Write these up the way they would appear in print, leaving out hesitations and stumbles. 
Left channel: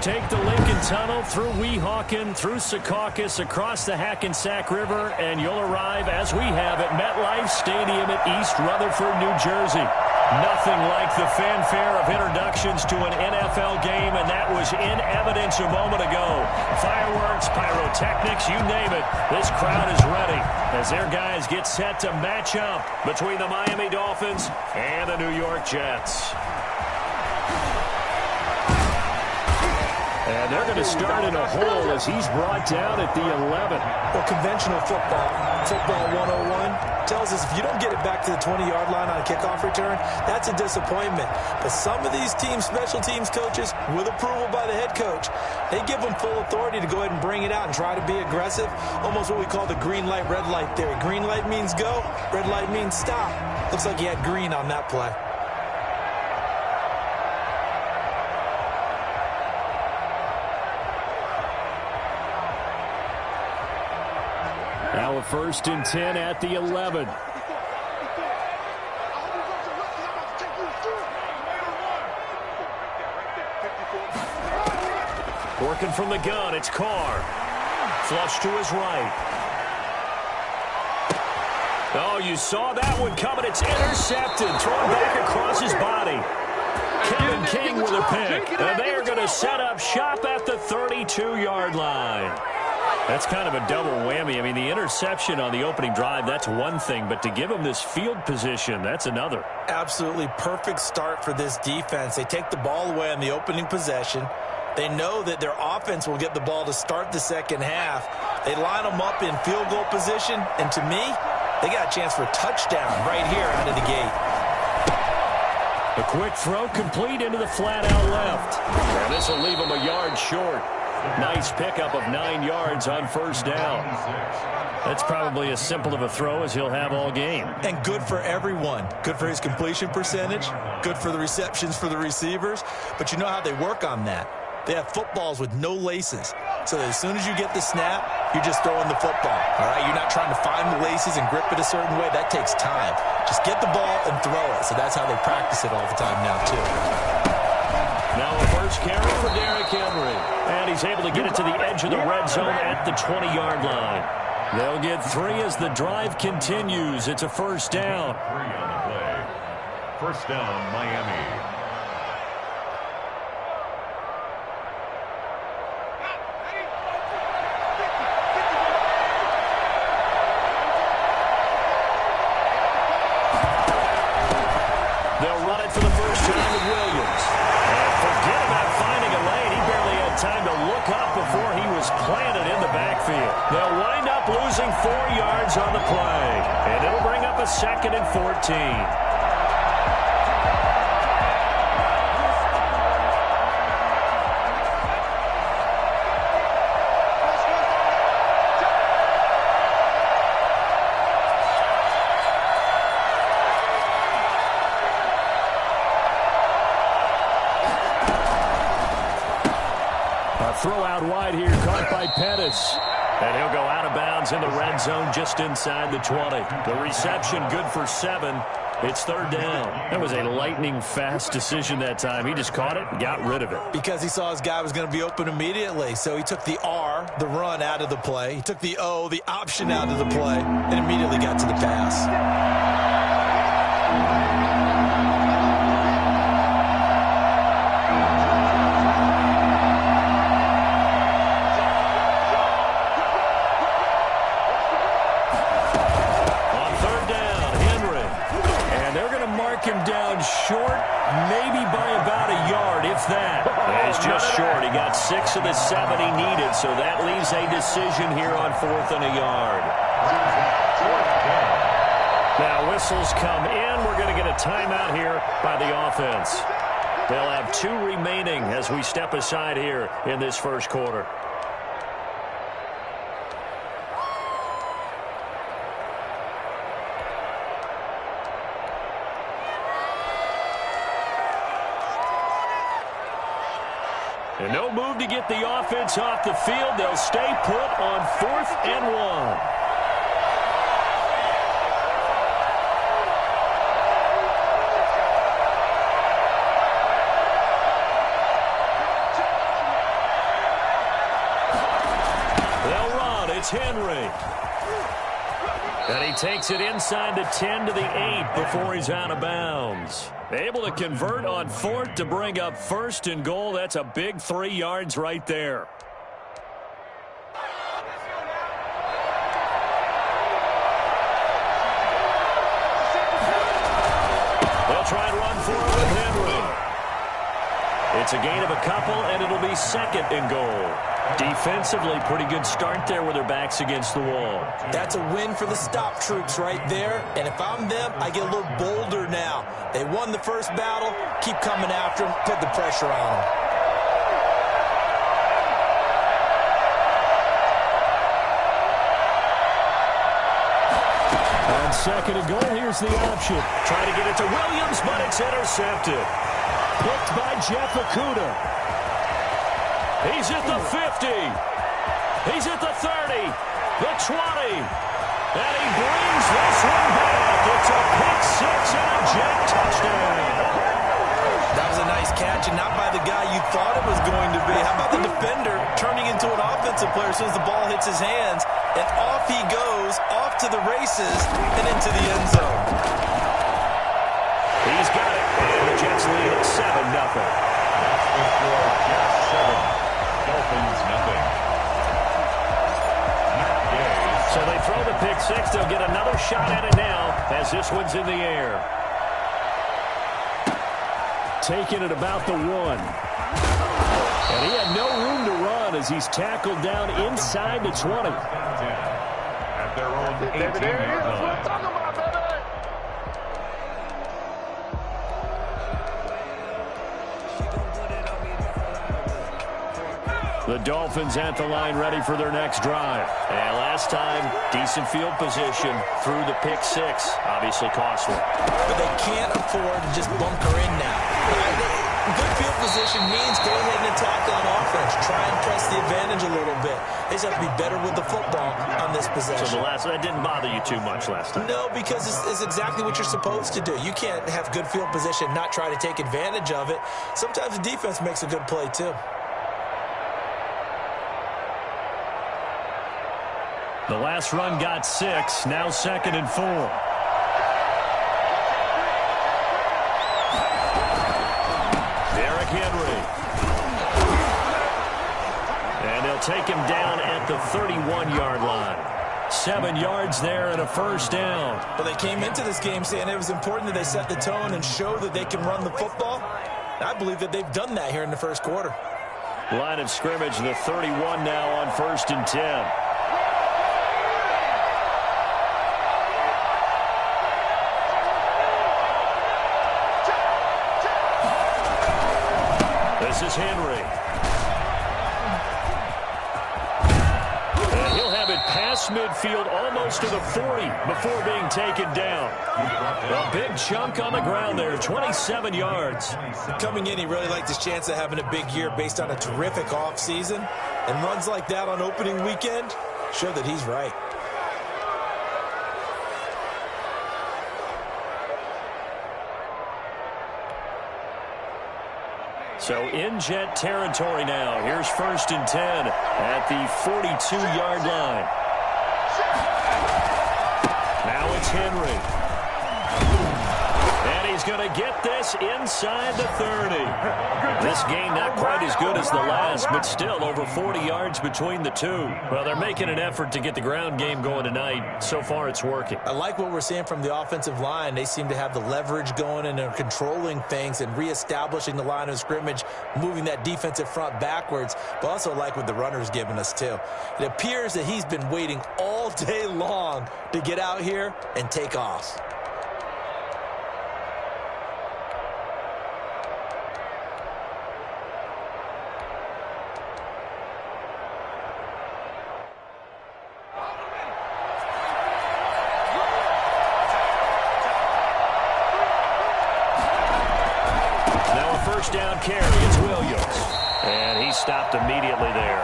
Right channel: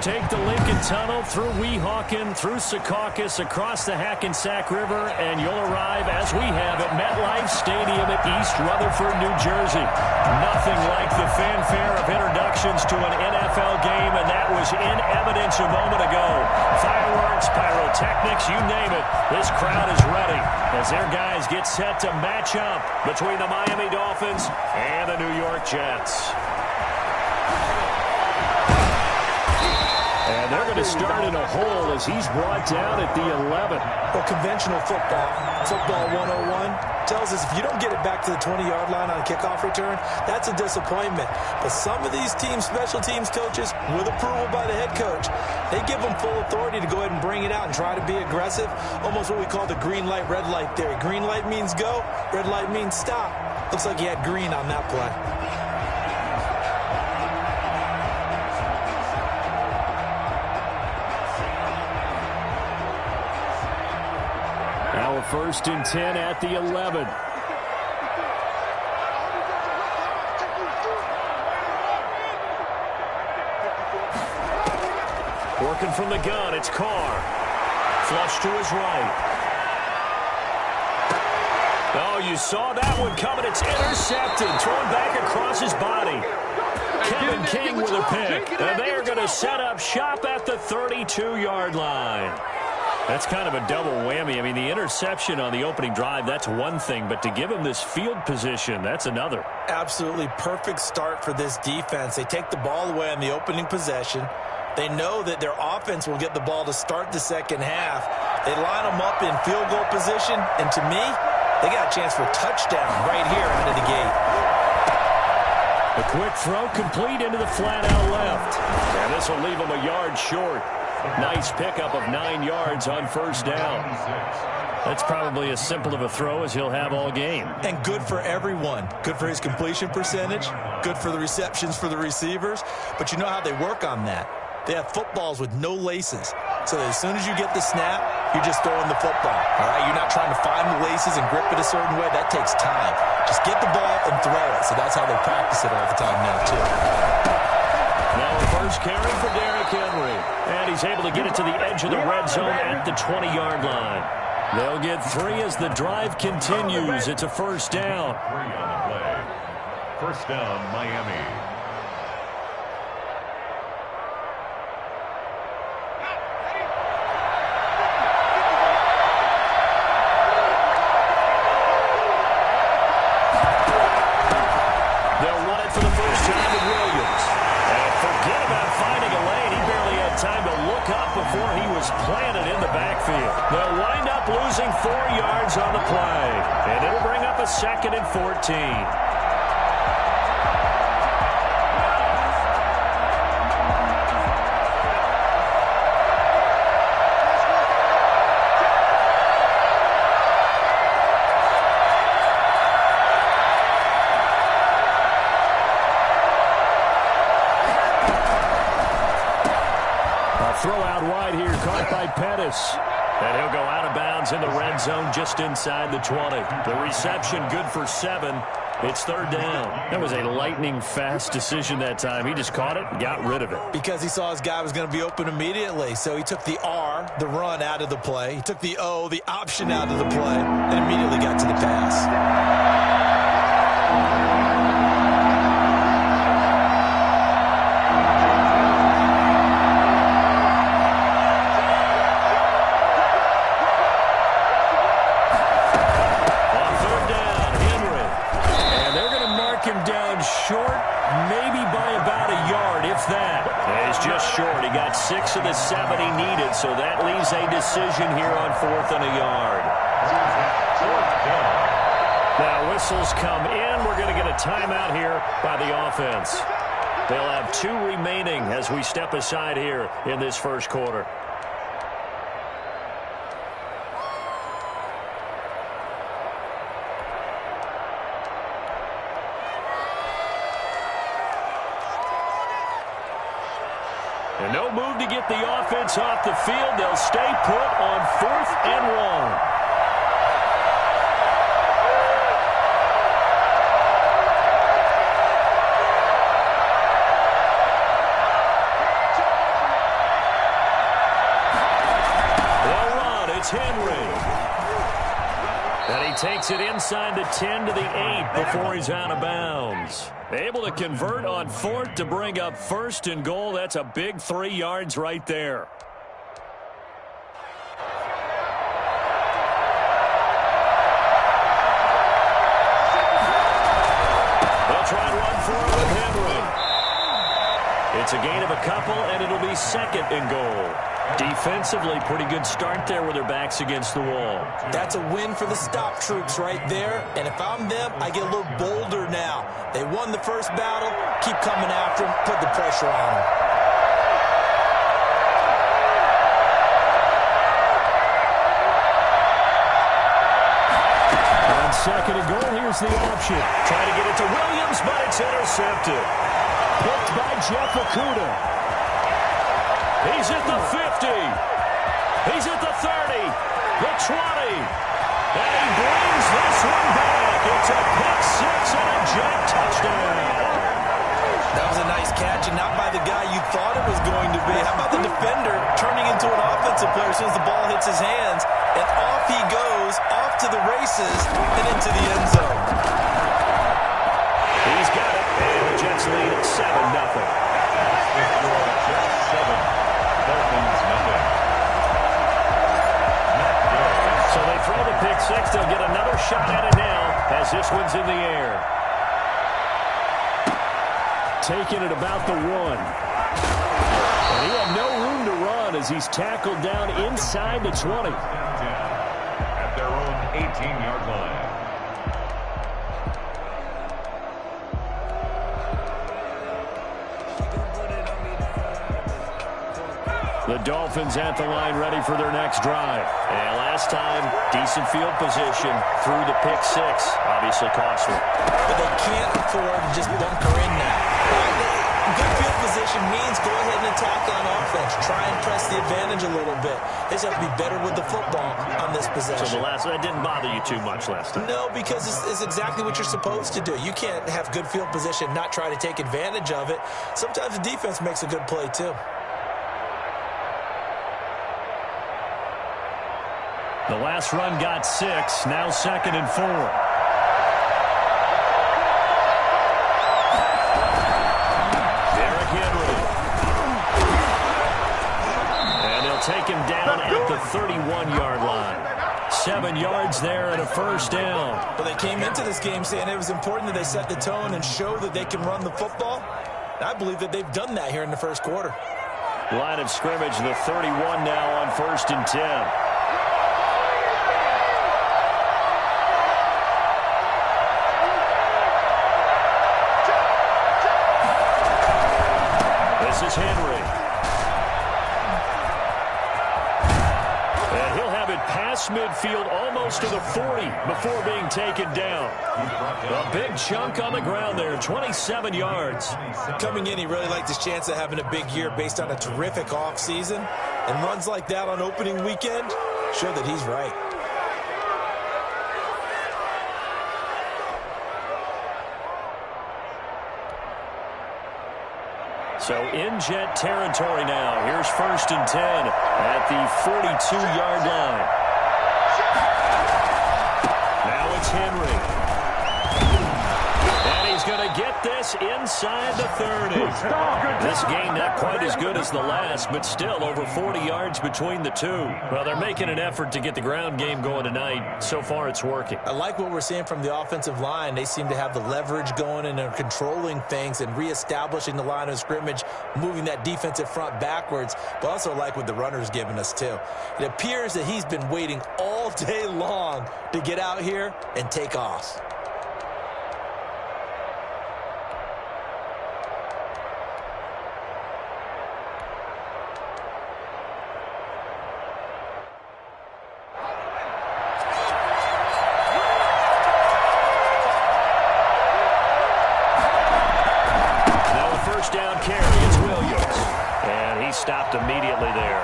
Take the Lincoln Tunnel through Weehawken, through Secaucus, across the Hackensack River, and you'll arrive, as we have, at MetLife Stadium at East Rutherford, New Jersey. Nothing like the fanfare of introductions to an NFL game, and that was in evidence a moment ago. Fireworks, pyrotechnics, you name it. This crowd is ready as their guys get set to match up between the Miami Dolphins and the New York Jets. And they're going to start in a hole as he's brought down at the 11. Well, conventional football 101, tells us if you don't get it back to the 20-yard line on a kickoff return, that's a disappointment. But some of these teams, special teams coaches, with approval by the head coach, they give them full authority to go ahead and bring it out and try to be aggressive, almost what we call the green light, red light theory. Green light means go, red light means stop. Looks like he had green on that play. Now a 1st and 10 at the 11. Working from the gun, it's Carr. Flush to his right. Oh, you saw that one coming. It's intercepted. Thrown back across his body. Kevin King with a pick. And they are going to set up shop at the 32-yard line. That's kind of a double whammy. I mean, the interception on the opening drive, that's one thing. But to give him this field position, that's another. Absolutely perfect start for this defense. They take the ball away on the opening possession. They know that their offense will get the ball to start the second half. They line them up in field goal position. And to me, they got a chance for a touchdown right here out of the gate. A quick throw complete into the flat out left. And this will leave them a yard short. Nice pickup of 9 yards on 1st down. That's probably as simple of a throw as he'll have all game. And good for everyone. Good for his completion percentage. Good for the receptions for the receivers. But you know how they work on that. They have footballs with no laces. So that as soon as you get the snap, you're just throwing the football. All right, you're not trying to find the laces and grip it a certain way. That takes time. Just get the ball and throw it. So that's how they practice it all the time now, too. Now a first carry for Derrick Henry. And he's able to get it to the edge of the red zone at the 20-yard line. They'll get 3 as the drive continues. It's a 1st down. 3 on the play. 1st down, Miami. They'll run it for the first time with Williams. And forget about finding a lane. He barely had time to look up before he was planted in the backfield. They'll wind up losing 4 yards on the play. And it'll bring up a 2nd and 14. Throw out wide here, caught by Pettis. And he'll go out of bounds in the red zone just inside the 20. The reception good for 7. It's 3rd down. That was a lightning-fast decision that time. He just caught it and got rid of it. Because he saw his guy was going to be open immediately. So he took the R, the run, out of the play. He took the O, the option, out of the play, and immediately got to the pass. Him down short, maybe by about a yard, if that. He's just short. He got 6 of the 7 he needed, so that leaves a decision here on 4th and a yard. Now whistles come in. We're going to get a timeout here by the offense. They'll have 2 remaining as we step aside here in this first quarter. And no move to get the offense off the field. They'll stay put on 4th and 1. it's Henry. And he takes it inside the 10 to the 8 before he's out of bounds. Able to convert on 4th to bring up 1st and goal. That's a big 3 yards right there. They'll try and run for it with Henry. It's a gain of a couple, and it'll be 2nd and goal. Defensively, pretty good start there with their backs against the wall. That's a win for the stop troops right there. And if I'm them, I get a little bolder now. They won the first battle. Keep coming after them. Put the pressure on them. On 2nd and goal, here's the option. Trying to get it to Williams, but it's intercepted. Picked by Jeff Okudah. He's at the 50. He's at the 30. The 20. And he brings this one back. It's a pick 6 and a Jet touchdown. That was a nice catch, and not by the guy you thought it was going to be. How about the defender turning into an offensive player as soon as the ball hits his hands, and off he goes, off to the races, and into the end zone. He's got it, and the Jets lead at 7-0. That's the score, Jets 7. Dolphins, nothing. So they throw the pick 6. They'll get another shot at it now as this one's in the air. Taking it about the 1. And he had no room to run as he's tackled down inside the 20. At their own 18-yard line. The Dolphins at the line ready for their next drive. And last time, decent field position through the pick 6. Obviously costly. But they can't afford to just bunker in now. Good field position means go ahead and attack on offense. Try and press the advantage a little bit. They just have to be better with the football on this possession. So that didn't bother you too much last time? No, because it's exactly what you're supposed to do. You can't have good field position, not try to take advantage of it. Sometimes the defense makes a good play too. The last run got 6. Now 2nd and 4. Derrick Henry. And they'll take him down at the 31-yard line. 7 yards there and a first down. Well, they came into this game saying it was important that they set the tone and show that they can run the football. I believe that they've done that here in the first quarter. Line of scrimmage, the 31 now on 1st and 10. This is Henry. And he'll have it past midfield almost to the 40 before being taken down. A big chunk on the ground there, 27 yards. Coming in, he really liked his chance of having a big year based on a terrific offseason. And runs like that on opening weekend show that he's right. So in Jet territory now. Here's 1st and 10 at the 42-yard line. Now it's Henry. And he's going to get this inside the 30. This game not quite as good as the last, but still over 40 yards between the two. Well, they're making an effort to get the ground game going tonight. So far, it's working. I like what we're seeing from the offensive line. They seem to have the leverage going and they're controlling things and reestablishing the line of scrimmage, moving that defensive front backwards, but also like what the runner's giving us, too. It appears that he's been waiting all day long to get out here and take off. First down carry, it's Williams. And he stopped immediately there.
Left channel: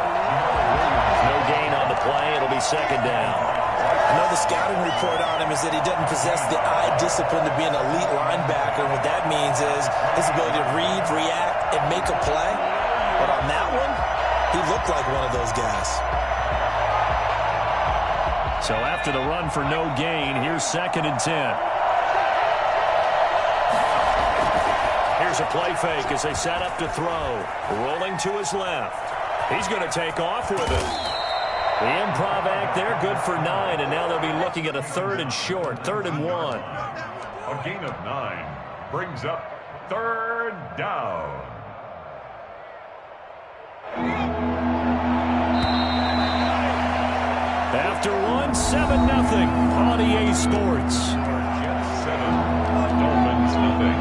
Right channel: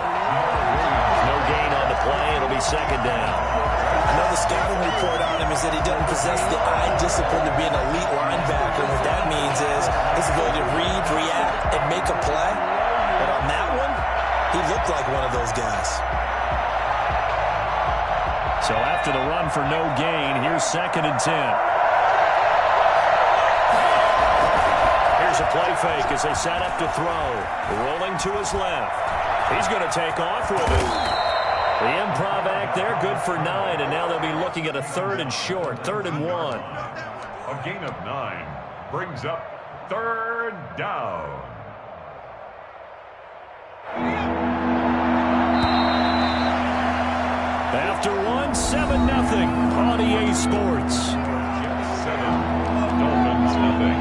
No gain on the play. It'll be 2nd down. I know the scouting report on him is that he doesn't possess the eye discipline to be an elite linebacker. And what that means is his ability to read, react, and make a play. But on that one, he looked like one of those guys. So after the run for no gain, here's 2nd and 10. Here's a play fake as they set up to throw. Rolling to his left. He's going to take off with it. The improv act there, good for 9, and now they'll be looking at a 3rd and short, 3rd and 1. A gain of 9 brings up 3rd down. After 1, 7-0 on EA Sports. Jets 7, Dolphins nothing.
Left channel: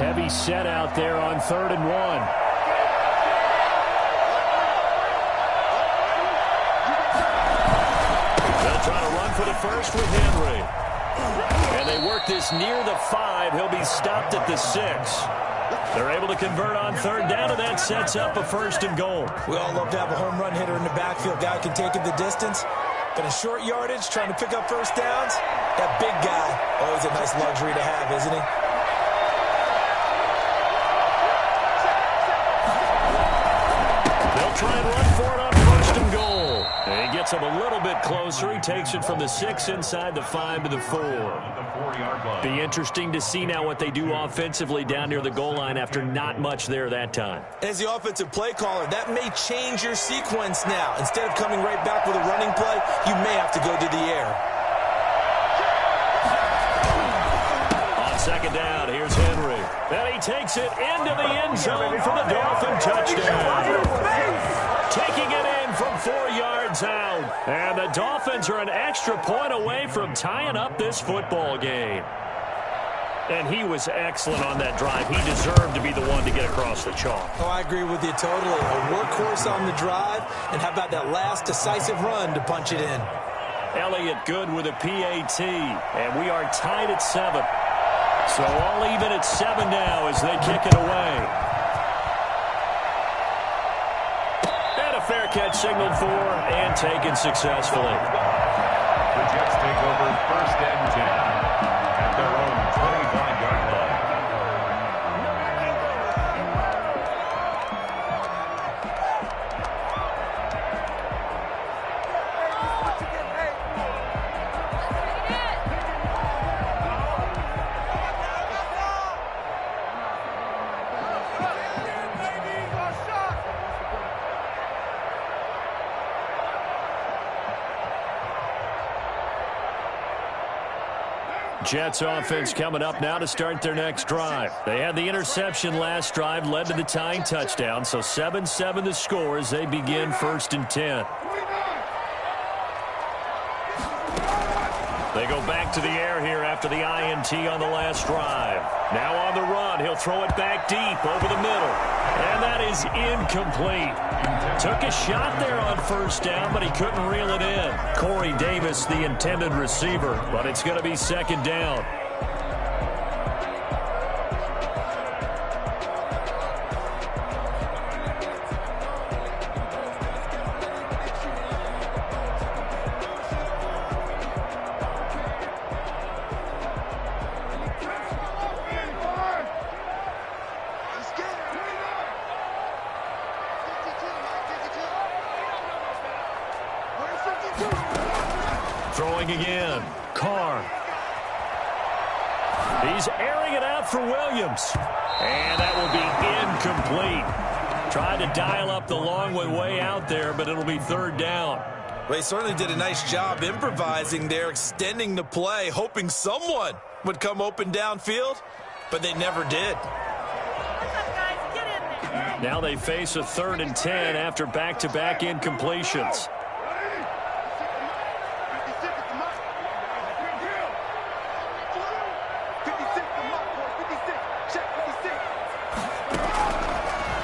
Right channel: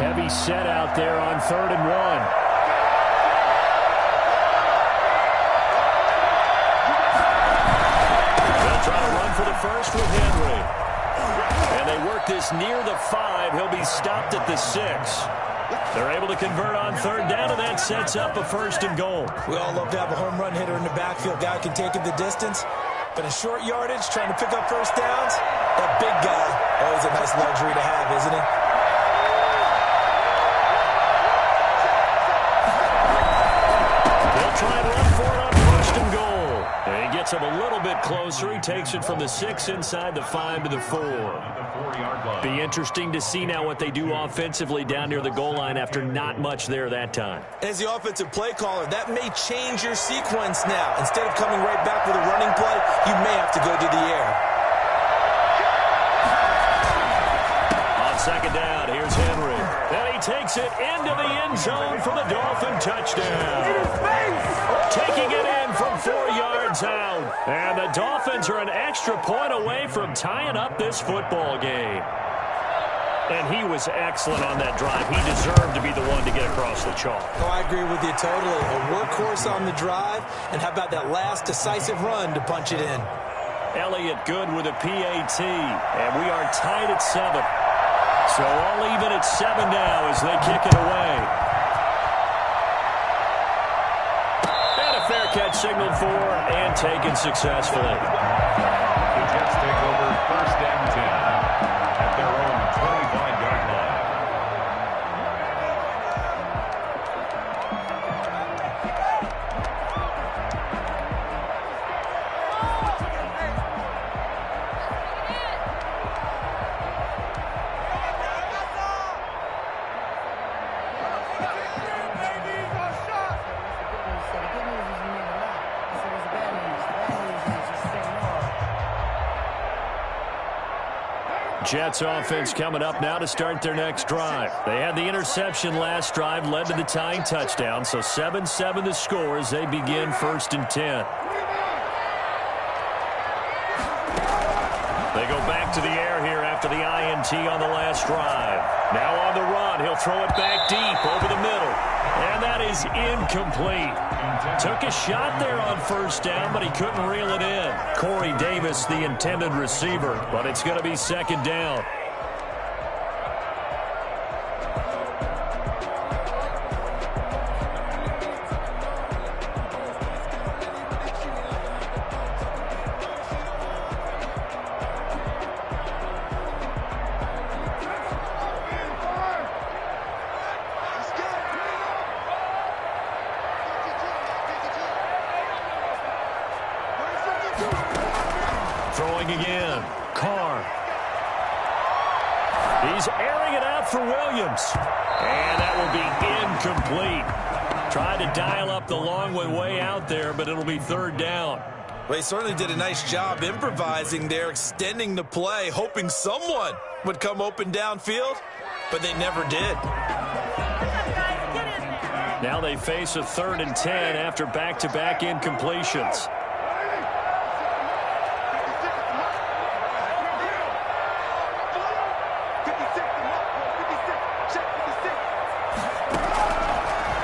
Heavy set out there on 3rd and 1. They'll try to run for the first with Henry. And they work this near the 5. He'll be stopped at the 6. They're able to convert on 3rd down, and that sets up a 1st and goal. We all love to have a home run hitter in the backfield. Guy can take it the distance. But in short yardage, trying to pick up first downs, that big guy, always a nice luxury to have, isn't he? They'll try and run for it on 1st and goal. And he gets him a little bit closer. He takes it from the 6 inside the 5 to the 4. Be interesting to see now what they do offensively down near the goal line after not much there that time. As the offensive play caller, that may change your sequence now. Instead of coming right back with a running play, you may have to go to the air. On 2nd down, here's Henry. And he takes it into the end zone for the Dolphin touchdown. Taking it in from 4 yards out. And the Dolphins are an extra point away from tying up this football game. And he was excellent on that drive. He deserved to be the one to get across the chalk. Oh, I agree with you totally. A workhorse on the drive, and how about that last decisive run to punch it in? Elliott Good with a PAT, and we are tied at 7. So all even at 7 now as they kick it away. And a fair catch signaled for and taken successfully. The Jets take over 1st and 10 at their own 25-yard line. Jets offense coming up now to start their next drive. They had the interception last drive, led to the tying touchdown, so 7-7 the score as they begin 1st and 10. They go back to the air here after the INT on the last drive. Now on the run, he'll throw it back deep over the middle. And that is incomplete. Took a shot there on 1st down, but he couldn't reel it in. Corey Davis, the intended receiver, but it's going to be 2nd down. Throwing again. Carr. He's airing it out for Williams. And that will be incomplete. Tried to dial up the long way out there, but it'll be 3rd down. Well, he certainly did a nice job improvising there, extending the play, hoping someone would come open downfield, but they never did. Now they face a 3rd and 10 after back-to-back incompletions.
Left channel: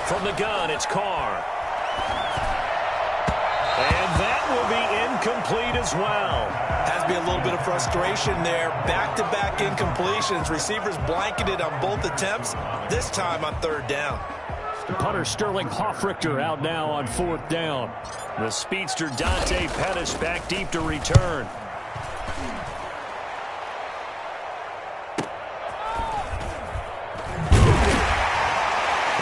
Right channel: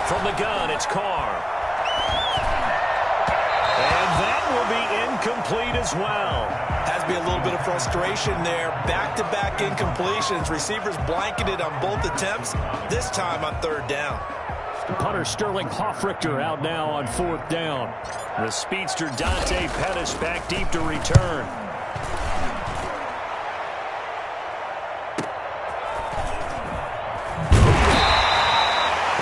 From the gun, it's Carr. And that will be incomplete as well. Has to be a little bit of frustration there. Back-to-back incompletions. Receivers blanketed on both attempts, this time on 3rd down. Punter Sterling Hoffrichter out now on 4th down. The speedster Dante Pettis back deep to return.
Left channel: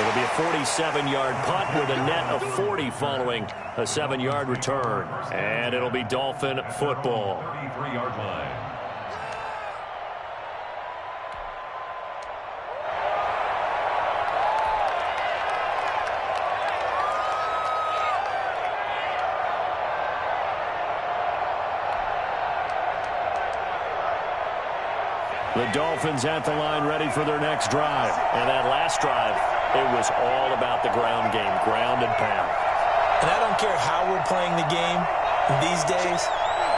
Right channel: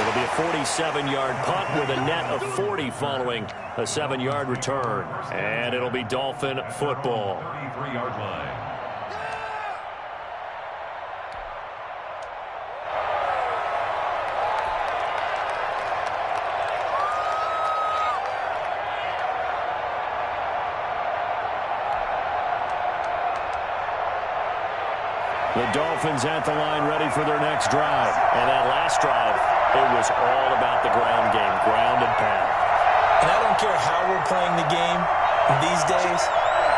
It'll be a 47-yard punt with a net of 40 following a 7-yard return. And it'll be Dolphin football. 33-yard line. The Dolphins at the line ready for their next drive. And that last drive, it was all about the ground game, ground and pound. And I don't care how we're playing the game these days,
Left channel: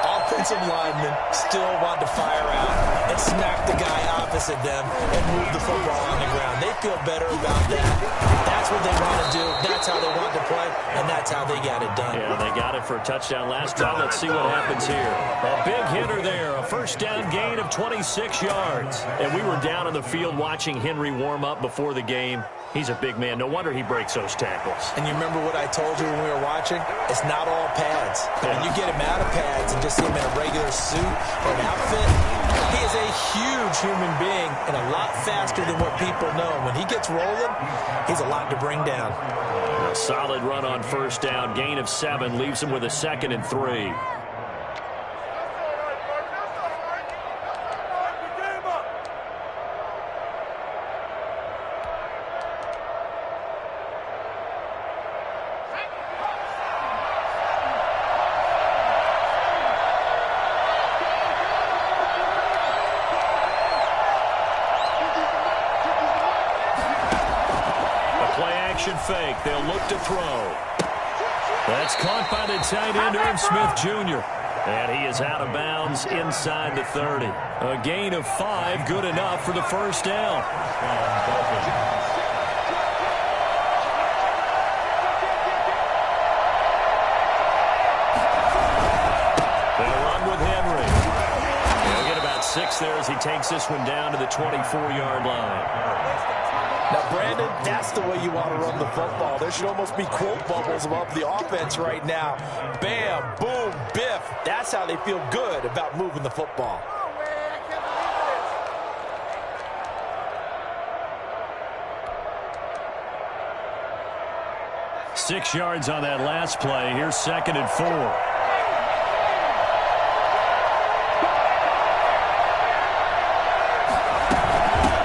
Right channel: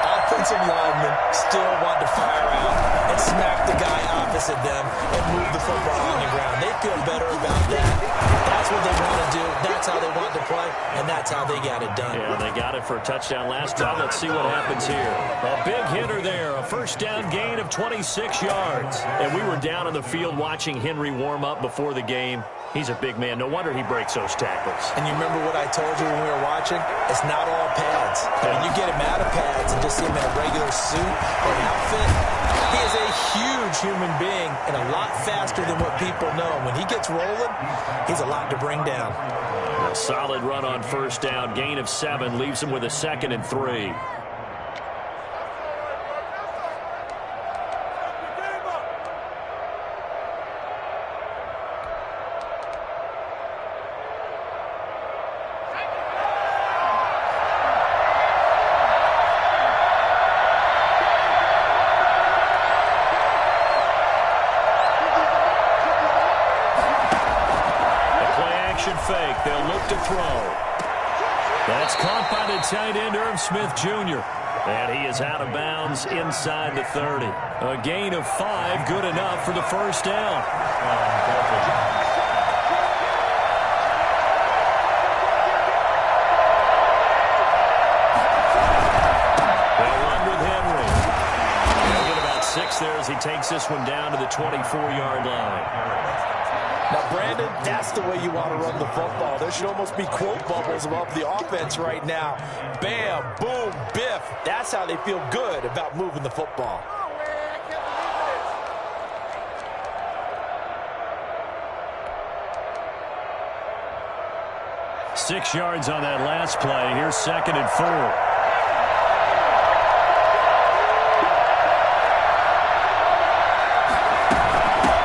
offensive linemen still want to fire out and smack the guy opposite them and move the football on the ground. They feel better about that. That's what they want to do. That's how they want to play, and that's how they got it done. Yeah, they got it for a touchdown last time. Let's see what happens here. A big hitter there, a first down gain of 26 yards. And we were down in the field watching Henry warm up before the game. He's a big man. No wonder he breaks those tackles. And you remember what I told you when we were watching? It's not all pads. I mean, you get him out of pads and just see him in a regular suit or an outfit. He is a huge human being and a lot faster than what people know. When he gets rolling, he's a lot to bring down. A solid run on first down. Gain of 7 leaves him with a 2nd and 3. Fake. They'll look to throw. That's caught by the tight end, Irv Smith Jr. And he is out of bounds inside the 30. A gain of 5, good enough for the first down. They'll run with Henry. He'll get about 6 there as he takes this one down to the 24-yard line. Now, Brandon, that's the way you want to run the football. There should almost be quote bubbles above the offense right now. Bam, boom, biff. That's how they feel good about moving the football. Six yards on that last play. Here's 2nd and 4.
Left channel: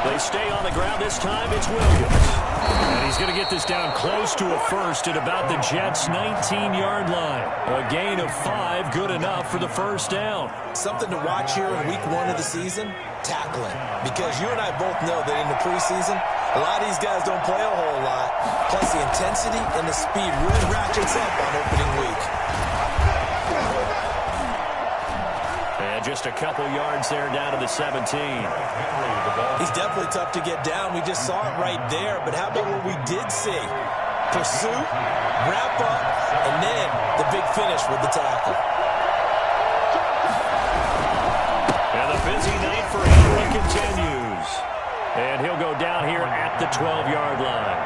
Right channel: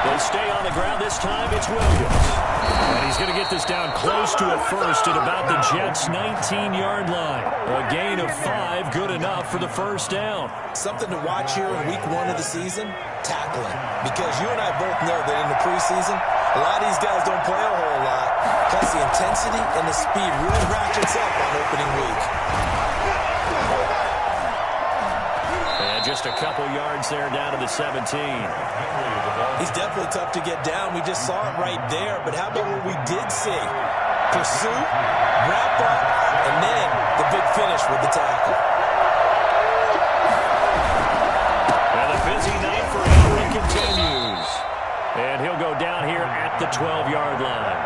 They stay on the ground. This time it's Williams. And he's going to get this down close to a first at about the Jets' 19-yard line. A gain of 5, good enough for the first down. Something to watch here in week 1 of the season, tackling. Because you and I both know that in the preseason, a lot of these guys don't play a whole lot. Plus the intensity and the speed really ratchets up on opening week. And just a couple yards there down to the 17. He's definitely tough to get down. We just saw it right there. But how about what we did see? Pursuit, wrap up, and then the big finish with the tackle. And the busy night for Henry continues. And he'll go down here at the 12-yard line.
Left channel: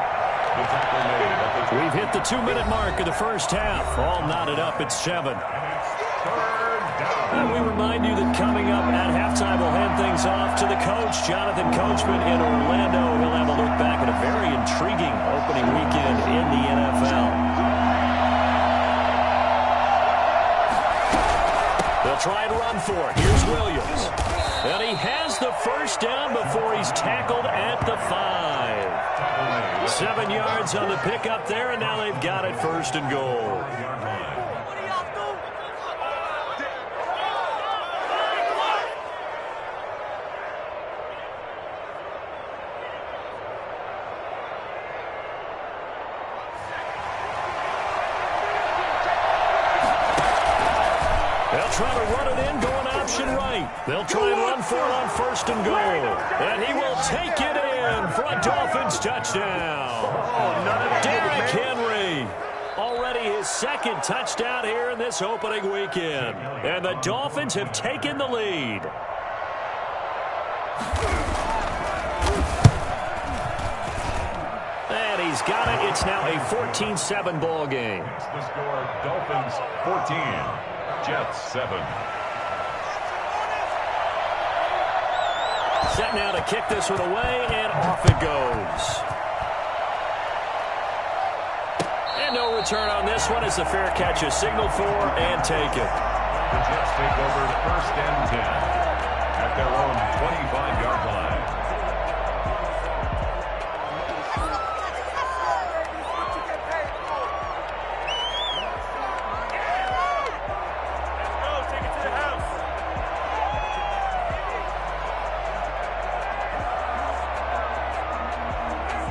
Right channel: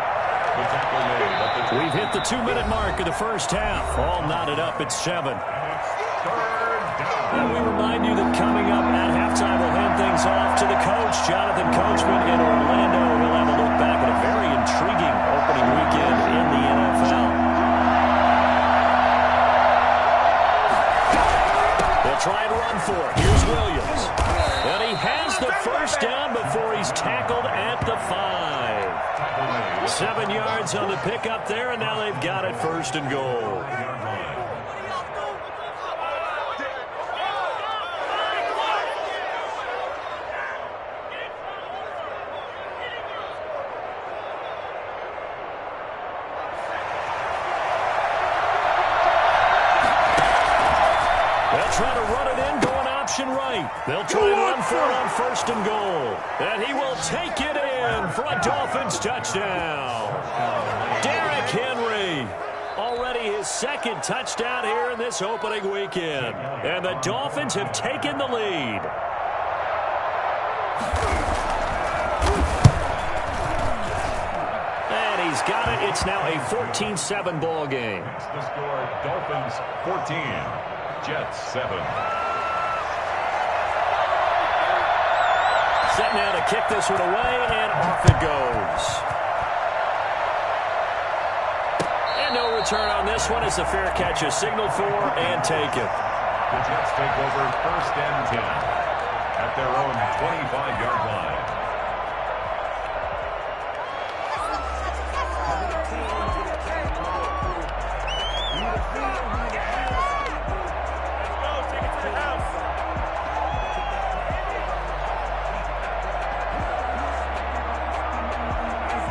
We've hit the 2-minute mark of the first half. All knotted up at 7. And we remind you that coming up at halftime, we'll hand things off to the coach, Jonathan Coachman in Orlando. He'll have a look back at a very intriguing opening weekend in the NFL. They'll try and run for it. Here's Williams. And he has the first down before he's tackled at the 5. 7 yards on the pickup there, and now they've got it 1st and goal. They'll try to run it in, going option right. They'll try and run for it on 1st and goal. And he will take it in for a Dolphins touchdown. Derrick Henry, already his 2nd touchdown here in this opening weekend. And the Dolphins have taken the lead. And he's got it. It's now a 14-7 ball game. The score, Dolphins 14, Jets 7. Set now to kick this one away, and off it goes. And no return on this one as the fair catch is signaled for and taken. The Jets take over 1st and 10 at their own 25-yard line.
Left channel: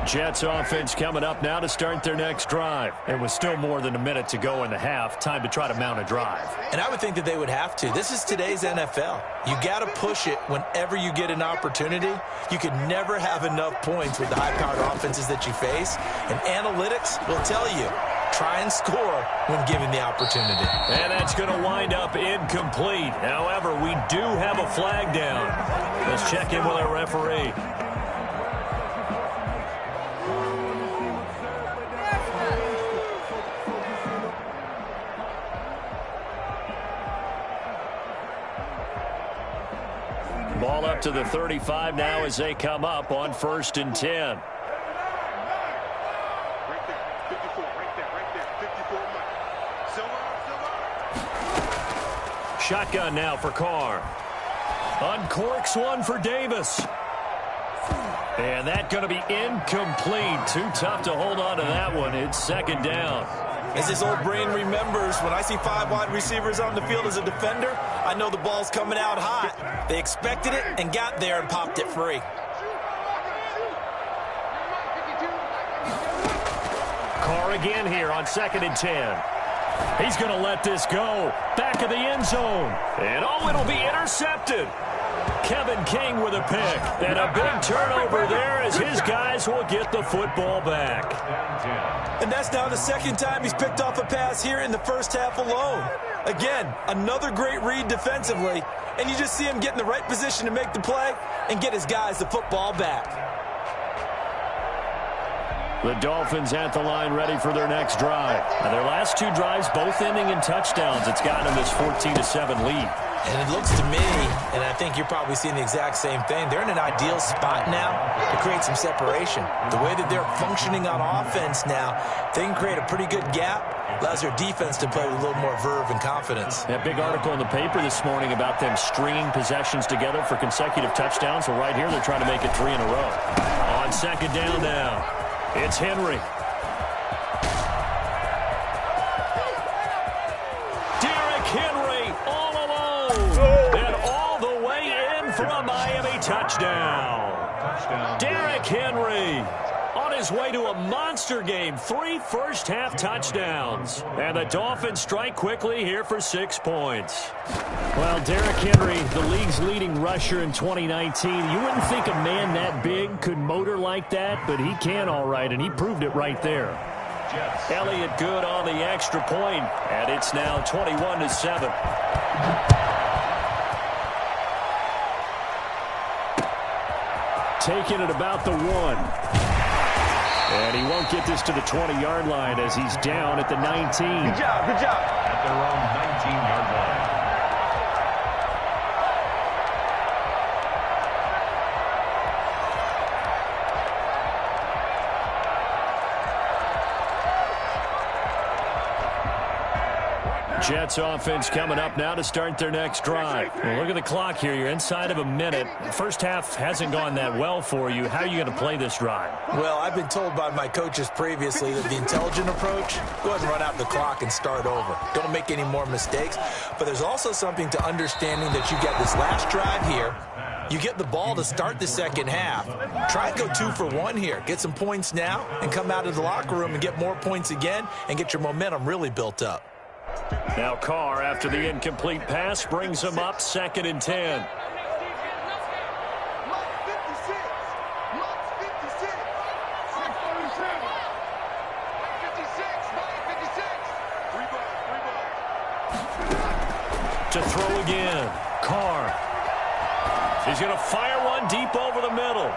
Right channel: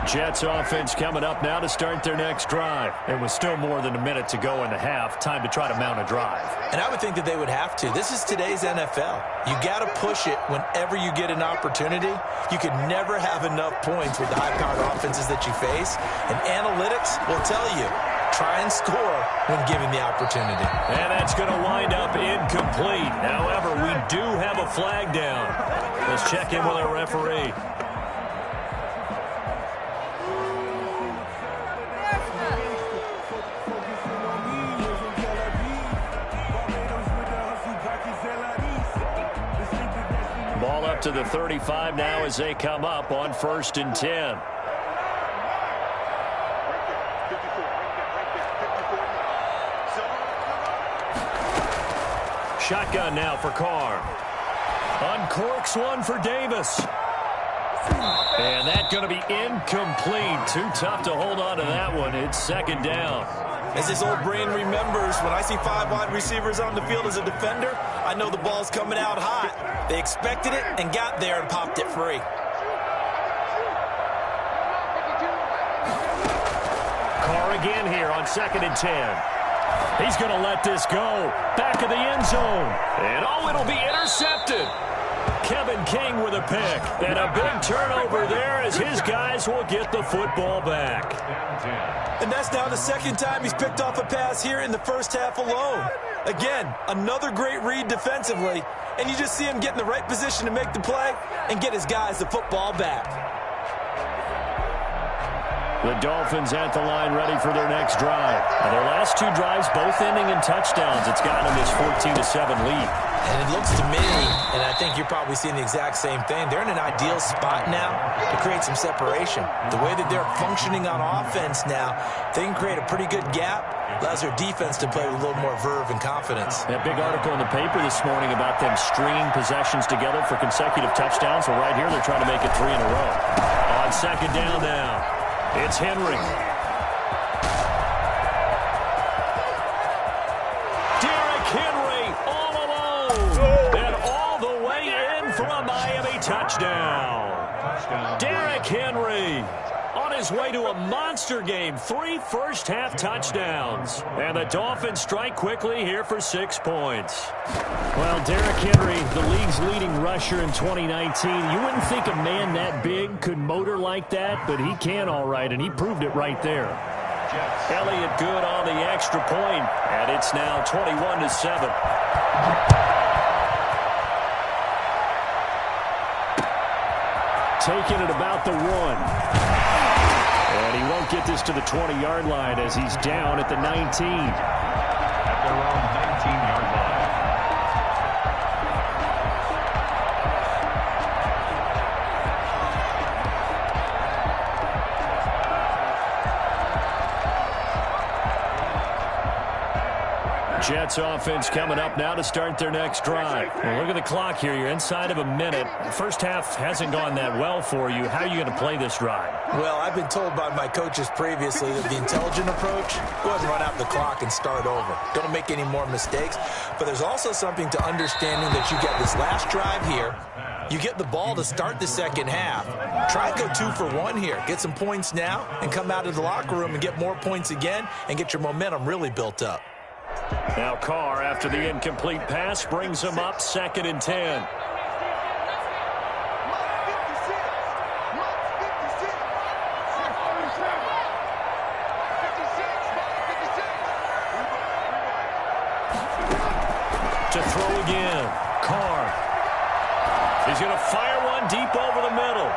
Jets offense coming up now to start their next drive. It was still more than a minute to go in the half. Time to try to mount a drive. And I would think that they would have to. This is today's NFL. You got to push it whenever you get an opportunity. You could never have enough points with the high-powered offenses that you face. And analytics will tell you, try and score when given the opportunity. And that's going to wind up incomplete. However, we do have a flag down. Let's check in with our referee. Ball up to the 35 now as they come up on 1st and 10. Right there, 54, right there, 54. Silver. Shotgun now for Carr. Uncorks one for Davis. And that's going to be incomplete. Too tough to hold on to that one. It's 2nd down. As his old brain remembers, when I see 5 wide receivers on the field as a defender, I know the ball's coming out hot. They expected it and got there and popped it free. Carr again here on 2nd and 10. He's going to let this go. Back of the end zone. And it'll be intercepted. Kevin King with a pick. And a big turnover there as his guys will get the football back. And that's now the 2nd time he's picked off a pass here in the first half alone. Again, another great read defensively, and you just see him get in the right position to make the play and get his guys the football back. The Dolphins at the line ready for their next drive. Now, their last 2 drives both ending in touchdowns. It's got them this 14-7 lead. And it looks to me, and I think you're probably seeing the exact same thing, they're in an ideal spot now to create some separation. The way that they're functioning on offense now, they can create a pretty good gap. Allows their defense to play with a little more verve and confidence. A big article in the paper this morning about them stringing possessions together for consecutive touchdowns. Well, right here, they're trying to make it 3 in a row. On 2nd down now, it's Henry. Derrick Henry all alone. And all the way in for a Miami touchdown. Derrick Henry on his way to a monster game. 3 first-half touchdowns. And the Dolphins strike quickly here for 6 points. Well, Derrick Henry, the league's leading rusher in 2019. You wouldn't think a man that big could motor like that, but he can all right, and he proved it right there. Elliott good on the extra point, and it's now 21-7. Taking it about the 1. And he won't get this to the 20-yard line as he's down at the 19. Good job. At their own 19-yard line. Jets offense coming up now to start their next drive. Well, look at the clock here. You're inside of a minute. The first half hasn't gone that well for you. How are you going to play this drive? Well, I've been told by my coaches previously that the intelligent approach, go ahead and run out the clock and start over. Don't make any more mistakes. But there's also something to understanding that you get this last drive here. You get the ball to start the second half. Try and go 2 for 1 here. Get some points now and come out of the locker room and get more points again and get your momentum really built up. Now Carr, after the incomplete pass, brings him up 2nd and 10. To throw again. Carr. He's going to fire one deep over the middle.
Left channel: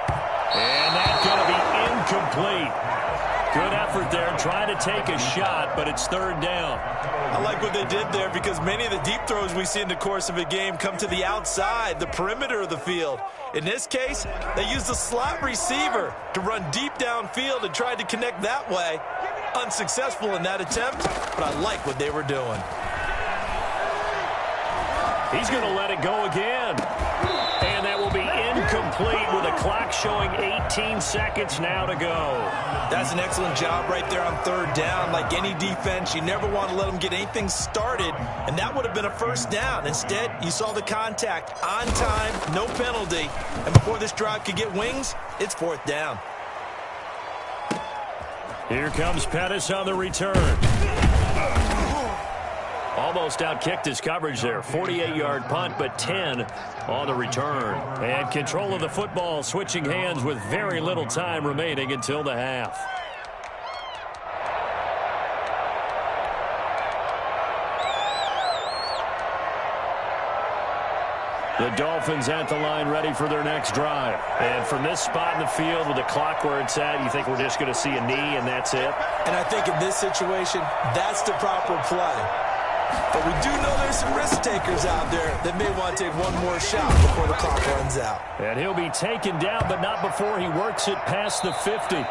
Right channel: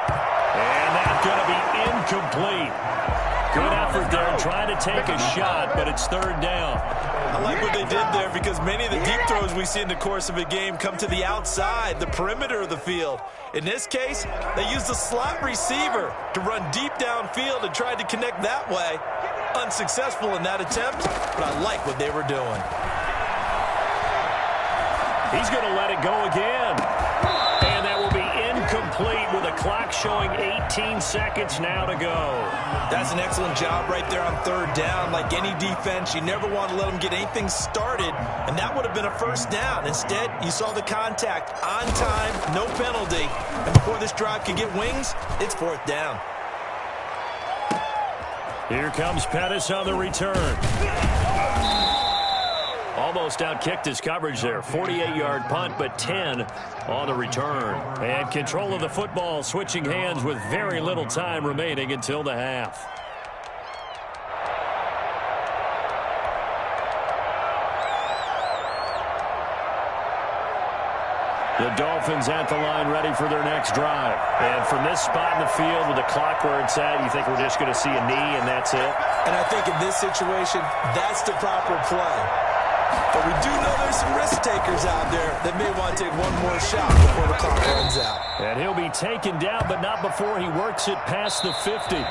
And that's going to be incomplete. Good effort there trying to take a shot, but it's 3rd down. I like what they did there because many of the deep throws we see in the course of a game come to the outside, the perimeter of the field. In this case, they used the slot receiver to run deep downfield and tried to connect that way. Unsuccessful in that attempt, but I like what they were doing. He's going to let it go again. And that will be incomplete with the clock showing 18 seconds now to go. That's an excellent job right there on third down. Like any defense, you never want to let them get anything started, and that would have been a first down. Instead, you saw the contact on time, no penalty, and before this drive could get wings, it's fourth down. Here comes Pettis on the return. Almost outkicked his coverage there. 48-yard punt, but 10 on the return. And control of the football switching hands with very little time remaining until the half. The Dolphins at the line ready for their next drive. And from this spot in the field with the clock where it's at, you think we're just going to see a knee and that's it? And I think in this situation, that's the proper play. But we do know there's some risk takers out there that may want to take one more shot before the clock runs out. And he'll be taken down, but not before he works it past the 50.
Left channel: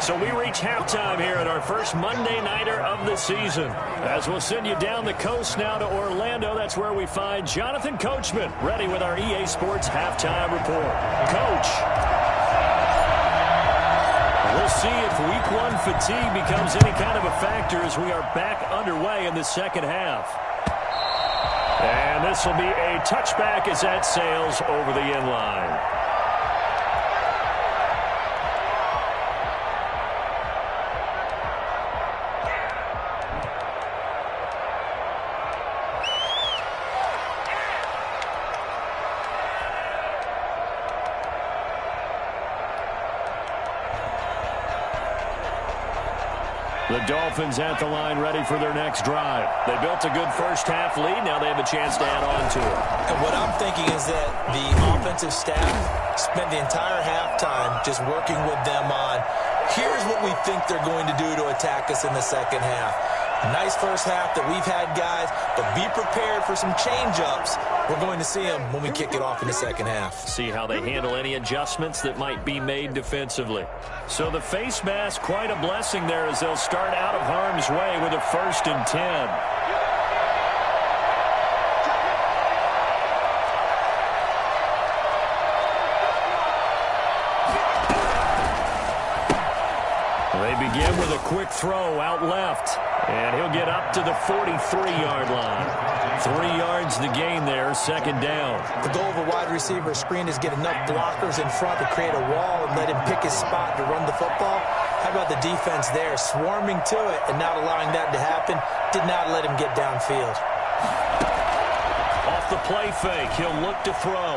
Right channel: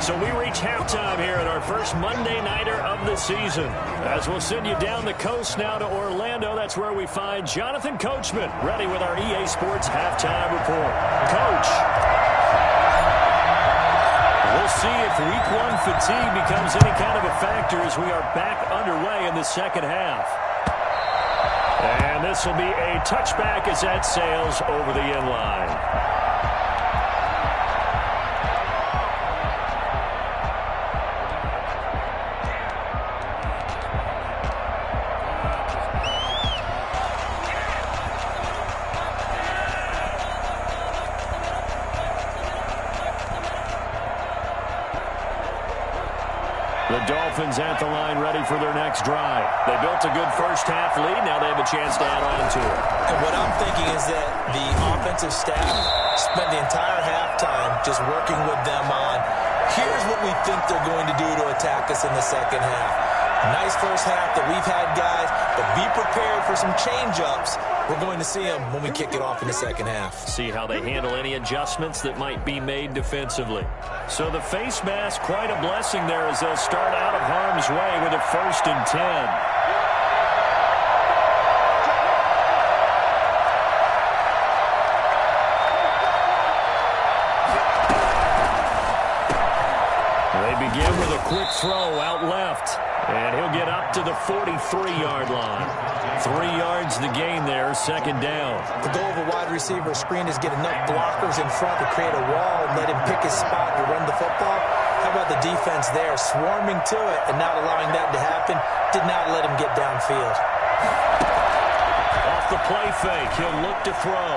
So we reach halftime here at our first Monday Nighter of the season. As we'll send you down the coast now to Orlando, that's where we find Jonathan Coachman, ready with our EA Sports Halftime Report. Coach. We'll see if week one fatigue becomes any kind of a factor as we are back underway in the second half. And this will be a touchback as that sails over the end line. The Dolphins at the line ready for their next drive. They built a good first half lead. Now they have a chance to add on to it. And what I'm thinking is that the offensive staff spent the entire halftime just working with them on, here's what we think they're going to do to attack us in the second half. A nice first half that we've had, guys, but be prepared for some change-ups. We're going to see them when we kick it off in the second half. See how they handle any adjustments that might be made defensively. So the face mask, quite a blessing there as they'll start out of harm's way with a 1st and 10. They begin with a quick throw out left. And he'll get up to the 43-yard line. 3 yards to gain there, second down. The goal of a wide receiver screen is get enough blockers in front to create a wall and let him pick his spot to run the football. How about the defense there, swarming to it and not allowing that to happen? Did not let him get downfield. Off the play fake, he'll look to throw.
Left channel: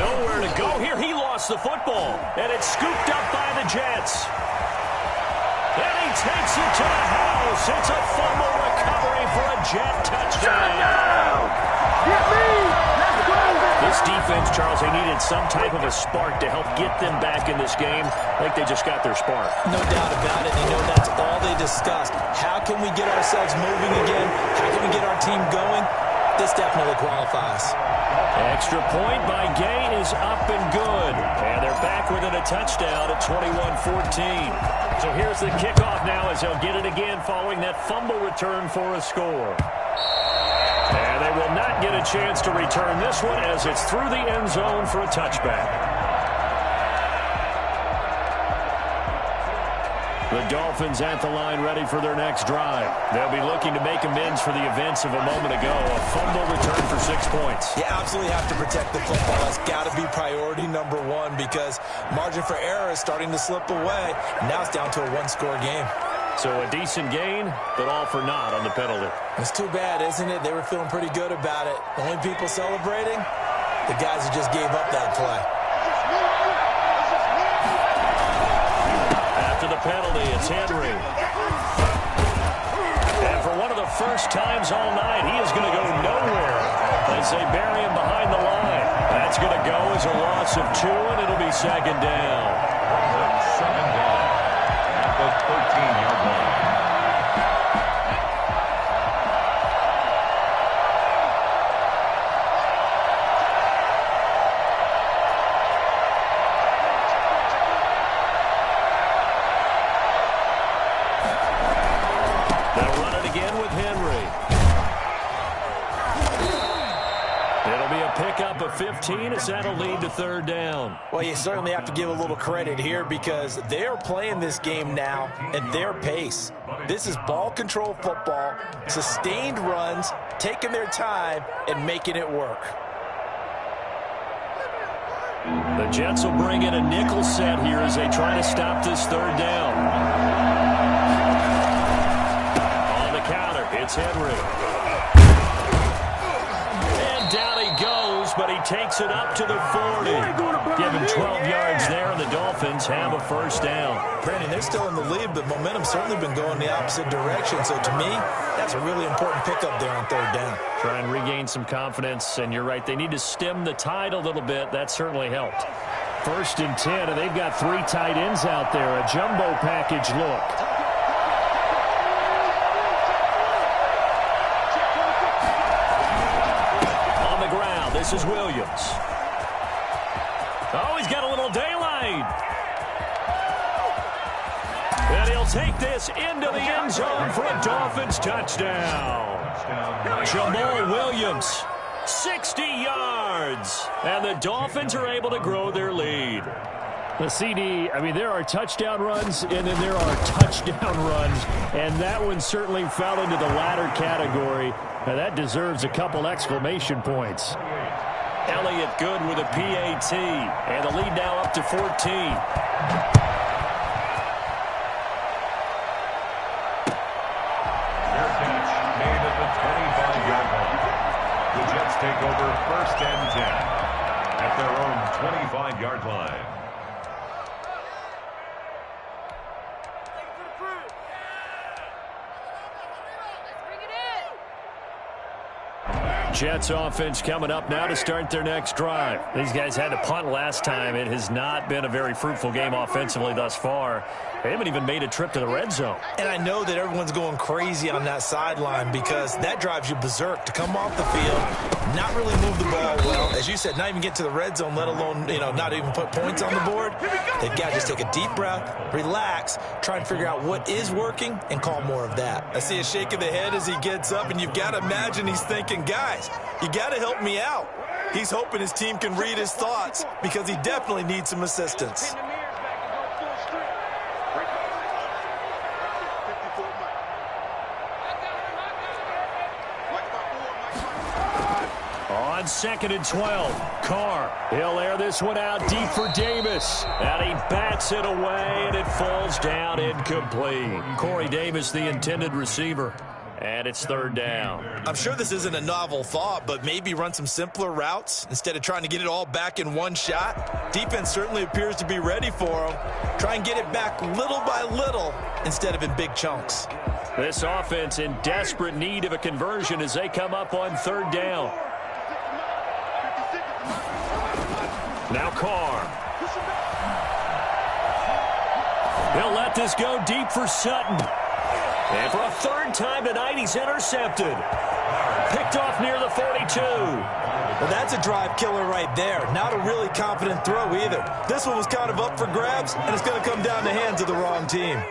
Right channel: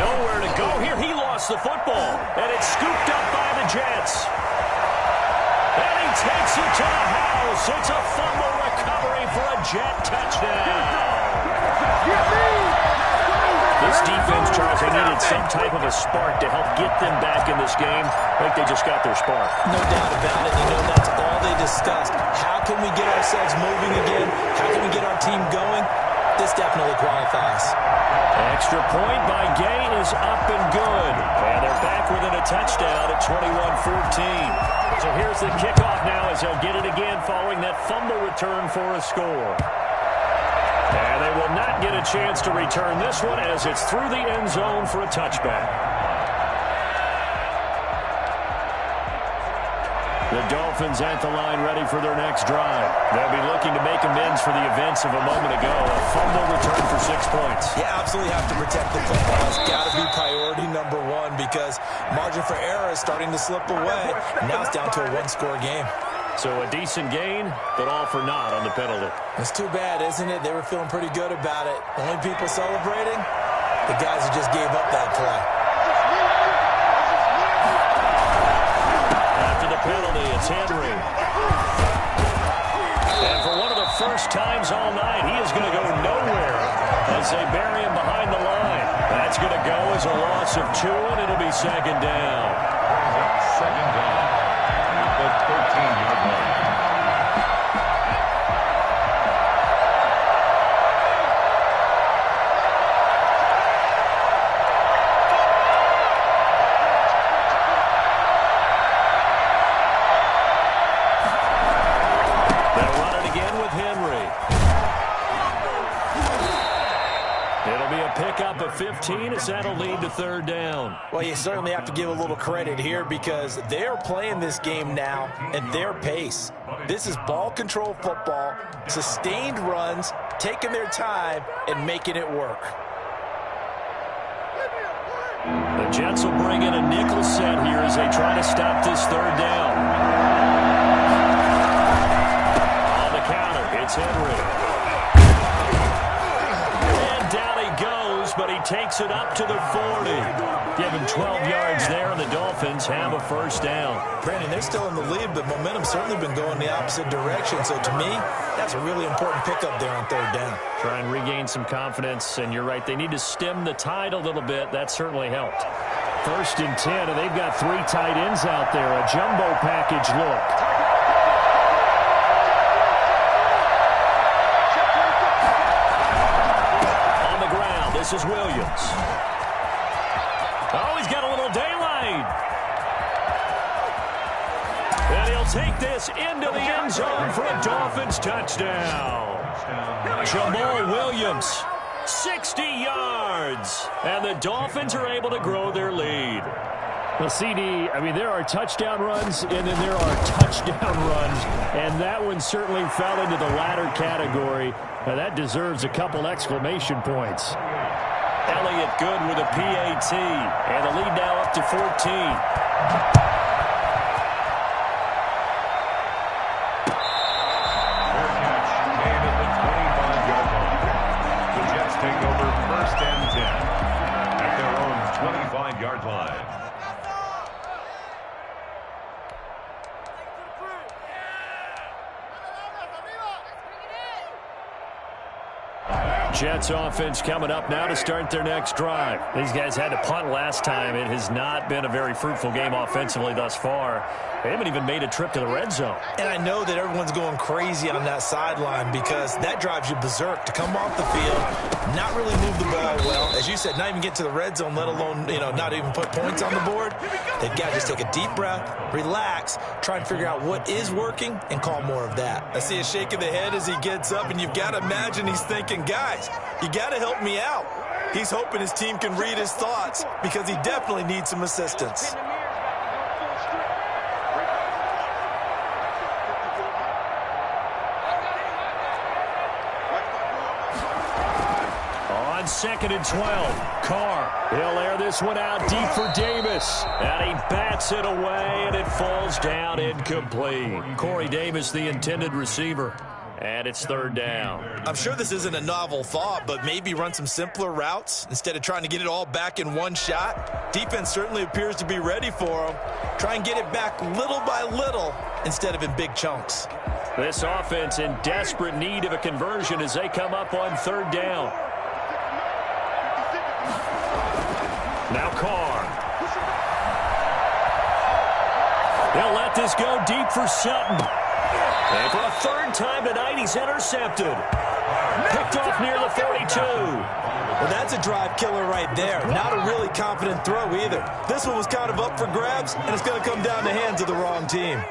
Nowhere to go here. He lost the football, and it's scooped up by the Jets. And he takes it to the house. It's a fumble recovery for a Jet touchdown. This defense, Charles, they needed some type of a spark to help get them back in this game. I think they just got their spark. No doubt about it. You know, that's all they discussed. How can we get ourselves moving again? How can we get our team going? This definitely qualifies. Extra point by Gay is up and good. And they're back within a touchdown at 21-14. So here's the kickoff now as they'll get it again following that fumble return for a score. And they will not get a chance to return this one as it's through the end zone for a touchback. The Dolphins at the line ready for their next drive. They'll be looking to make amends for the events of a moment ago. A fumble return for 6 points. You absolutely have to protect the football. It's got to be priority number one because margin for error is starting to slip away. And now it's down to a one-score game. So a decent gain, but all for naught on the penalty. It's too bad, isn't it? They were feeling pretty good about it. The only people celebrating, the guys who just gave up that play. After the penalty, it's Henry. And for one of the first times all night, he is going to go nowhere as they bury him behind the line. That's going to go as a loss of 2, and it'll be second down. Second down at the 13-yard line. They'll run it again with Henry. It'll be a pickup of 15 as that'll lead to third down. Well, you certainly have to give a little credit here because they're playing this game now at their pace. This is ball control football, sustained runs, taking their time, and making it work. The Jets will bring in a nickel set here as they try to stop this third down. On the counter, it's Henry. Down he goes, but he takes it up to the 40. Give him 12 yards there, and the Dolphins have a first down. Brandon, they're still in the lead, but momentum's certainly been going the opposite direction. So to me, that's a really important pickup there on third down. Try and regain some confidence, and you're right. They need to stem the tide a little bit. That certainly helped. 1st and 10, and they've got 3 tight ends out there. A jumbo package look. This is Williams. Oh, he's got a little daylight. And he'll take this into the end zone for a Dolphins touchdown. Jamal Williams, 60 yards. And the Dolphins are able to grow their lead. The CD, I mean, there are touchdown runs, and then there are touchdown runs. And that one certainly fell into the latter category. Now, that deserves a couple exclamation points. Elliott good with a PAT, and the lead now up to 14. Fair catch made at the 25-yard line. The Jets take over 1st and 10 at their own 25-yard line. Jets offense coming up now to start their next drive. These guys had to punt last time. It has not been a very fruitful game offensively thus far. They haven't even made a trip to the red zone. And I know that everyone's going crazy on that sideline because that drives you berserk to come off the field, not really move the ball well. As you said, not even get to the red zone, let alone, not even put points on the board. They've got to just take a deep breath, relax, try and figure out what is working and call more of that. I see a shake of the head as he gets up, and you've got to imagine he's thinking, guys, you got to help me out. He's hoping his team can read his thoughts because he definitely needs some assistance. On 2nd and 12, Carr. He'll air this one out deep for Davis. And he bats it away, and it falls down incomplete. Corey Davis, the intended receiver. And it's third down. I'm sure this isn't a novel thought, but maybe run some simpler routes instead of trying to get it all back in one shot. Defense certainly appears to be ready for him. Try and get it back little by little instead of in big chunks. This offense in desperate need of a conversion as they come up on third down. Now Carr. They'll let this go deep for Sutton. And for a third time tonight, he's intercepted. Picked off near the 42. Well, that's a drive killer right there. Not a really confident throw either. This one was kind of up for grabs, and it's going to come down the hands of the wrong team.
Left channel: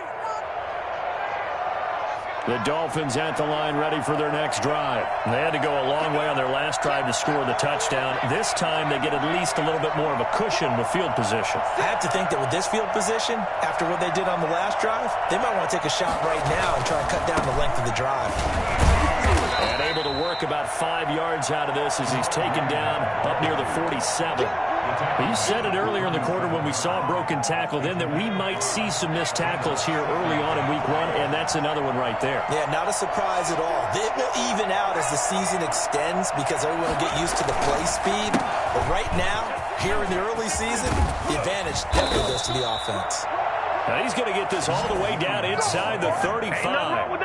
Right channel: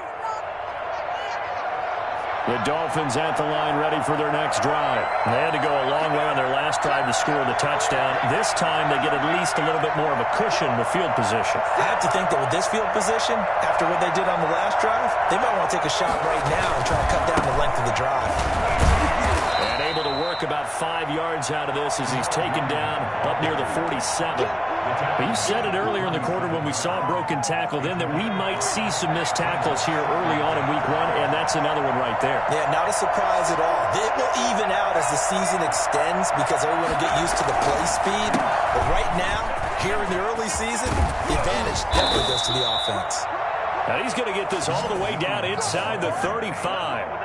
The Dolphins at the line ready for their next drive. They had to go a long way on their last drive to score the touchdown. This time they get at least a little bit more of a cushion with field position. I have to think that with this field position, after what they did on the last drive, they might want to take a shot right now and try to cut down the length of the drive. And able to work about 5 yards out of this as he's taken down up near the 47. But you said it earlier in the quarter when we saw a broken tackle then that we might see some missed tackles here early on in week 1, and that's another one right there. Yeah, not a surprise at all. It will even out as the season extends because everyone will get used to the play speed. But right now, here in the early season, the advantage definitely goes to the offense. Now he's going to get this all the way down inside the 35.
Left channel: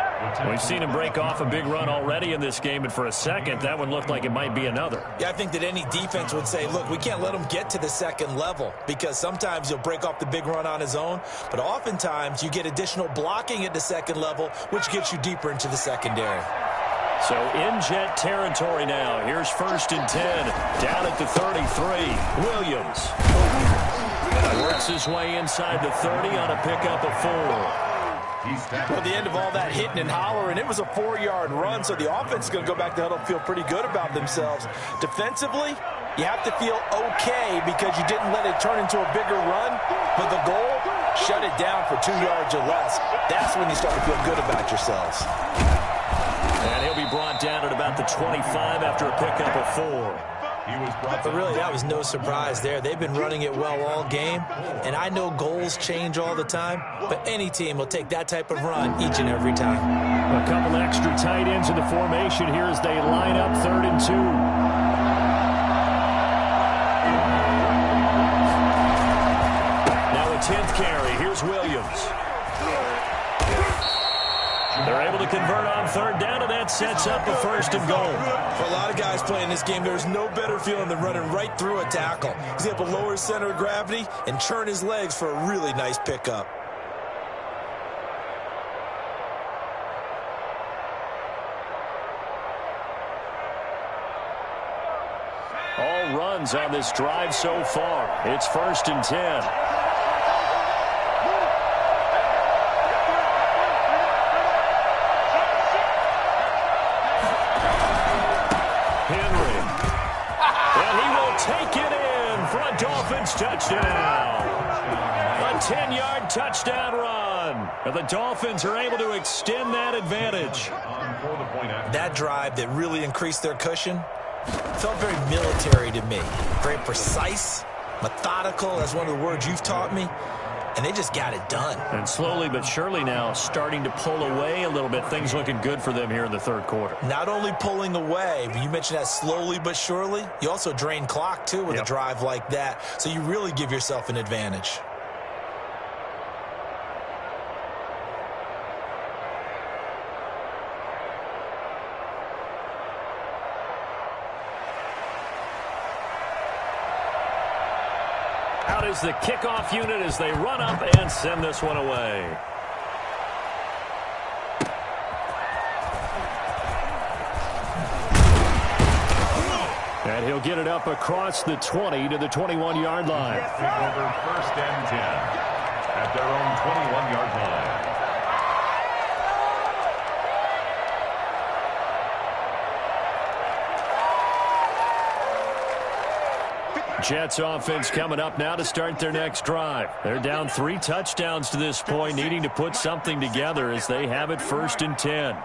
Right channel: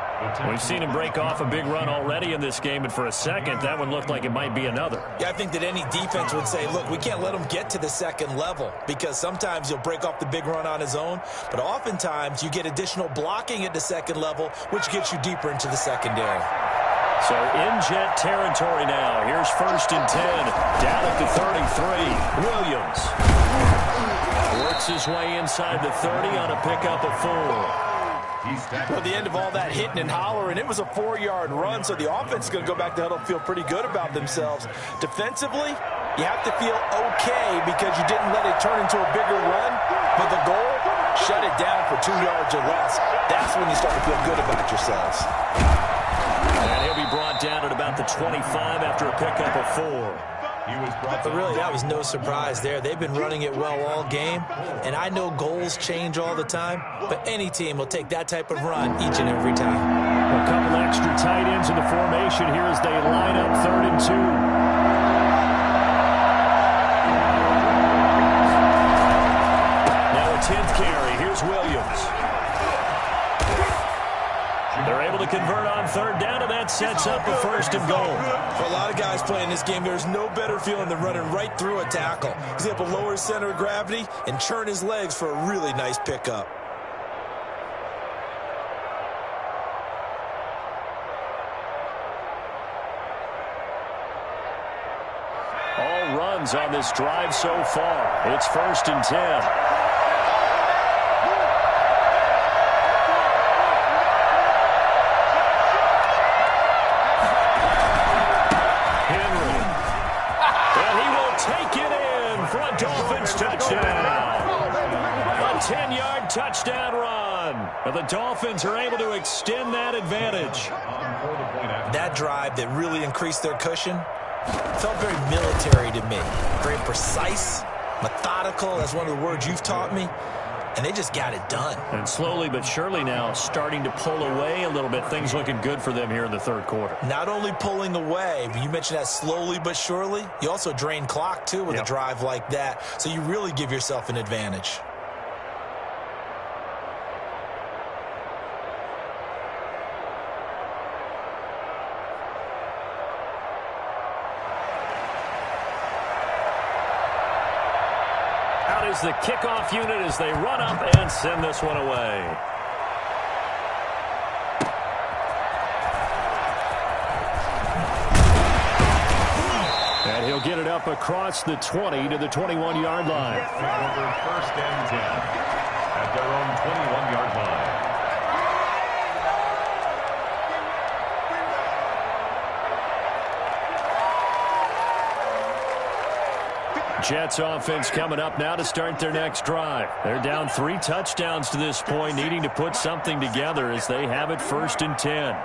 We've seen him break off a big run already in this game, and for a second, that one looked like it might be another. Yeah, I think that any defense would say, look, we can't let him get to the second level because sometimes he'll break off the big run on his own, but oftentimes you get additional blocking at the second level, which gets you deeper into the secondary. So in Jet territory now. Here's 1st and 10. Down at the 33. Williams works his way inside the 30 on a pickup of 4. Well, the end of all that hitting and hollering, it was a 4-yard run, so the offense is going to go back to huddle and feel pretty good about themselves. Defensively, you have to feel okay because you didn't let it turn into a bigger run, but the goal, shut it down for 2 yards or less. That's when you start to feel good about yourselves. And he'll be brought down at about the 25 after a pickup of 4. But really, that was no surprise there. They've been running it well all game, and I know goals change all the time, but any team will take that type of run each and every time. A couple extra tight ends in the formation here as they line up 3rd and 2. Now a 10th carry. Here's Williams. They're able to convert on 3rd down, and that sets up a 1st and goal. For a lot of guys playing this game, there's no better feeling than running right through a tackle. He's able to lower his center of gravity and churn his legs for a really nice pickup. All runs on this drive so far. It's 1st and 10. Take it in for a Dolphins touchdown. A 10-yard touchdown run. And the Dolphins are able to extend that advantage. That drive that really increased their cushion felt very military to me. Very precise, methodical. That's one of the words you've taught me. And they just got it done. And slowly but surely now starting to pull away a little bit. Things looking good for them here in the 3rd quarter. Not only pulling away, but you mentioned that slowly but surely. You also drain clock, too, with a drive like that. So you really give yourself an advantage. Out is the kickoff unit as they run up and send this one away. And he'll get it up across the 20 to the 21-yard line. Over 1st and 10 at their own 21-yard line. Jets offense coming up now to start their next drive. They're down 3 touchdowns to this point, needing to put something together as they have it 1st and 10.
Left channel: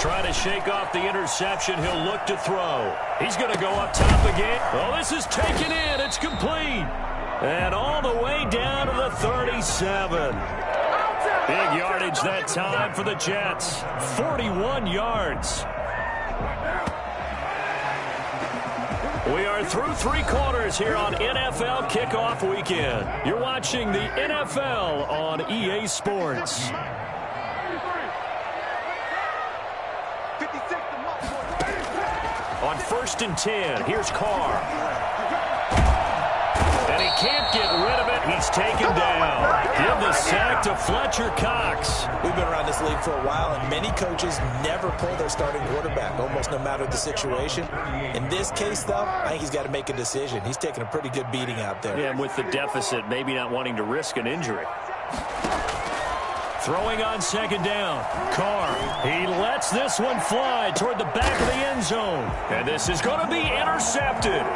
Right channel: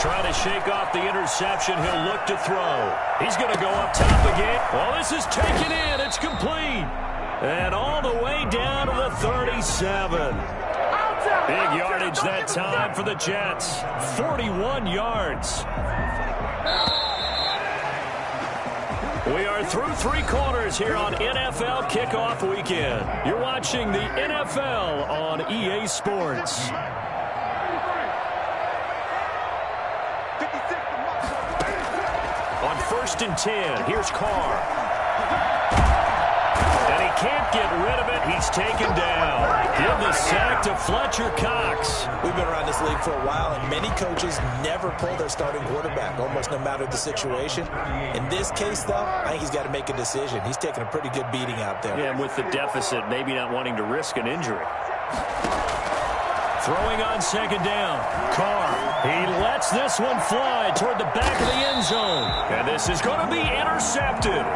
Trying to shake off the interception. He'll look to throw. He's going to go up top again. Oh, this is taken in. It's complete. And all the way down to the 37. Big yardage that time for the Jets. 41 yards. We are through 3 quarters here on NFL Kickoff Weekend. You're watching the NFL on EA Sports. On 1st and 10, here's Carr. And he can't get rid of it. He's taken down. Give the sack to Fletcher Cox. We've been around this league for a while, and many coaches never pull their starting quarterback, almost no matter the situation. In this case, though, I think he's got to make a decision. He's taking a pretty good beating out there. Yeah, and with the deficit, maybe not wanting to risk an injury. Throwing on 2nd down. Carr, he lets this one fly toward the back of the end zone. And this is going to be intercepted.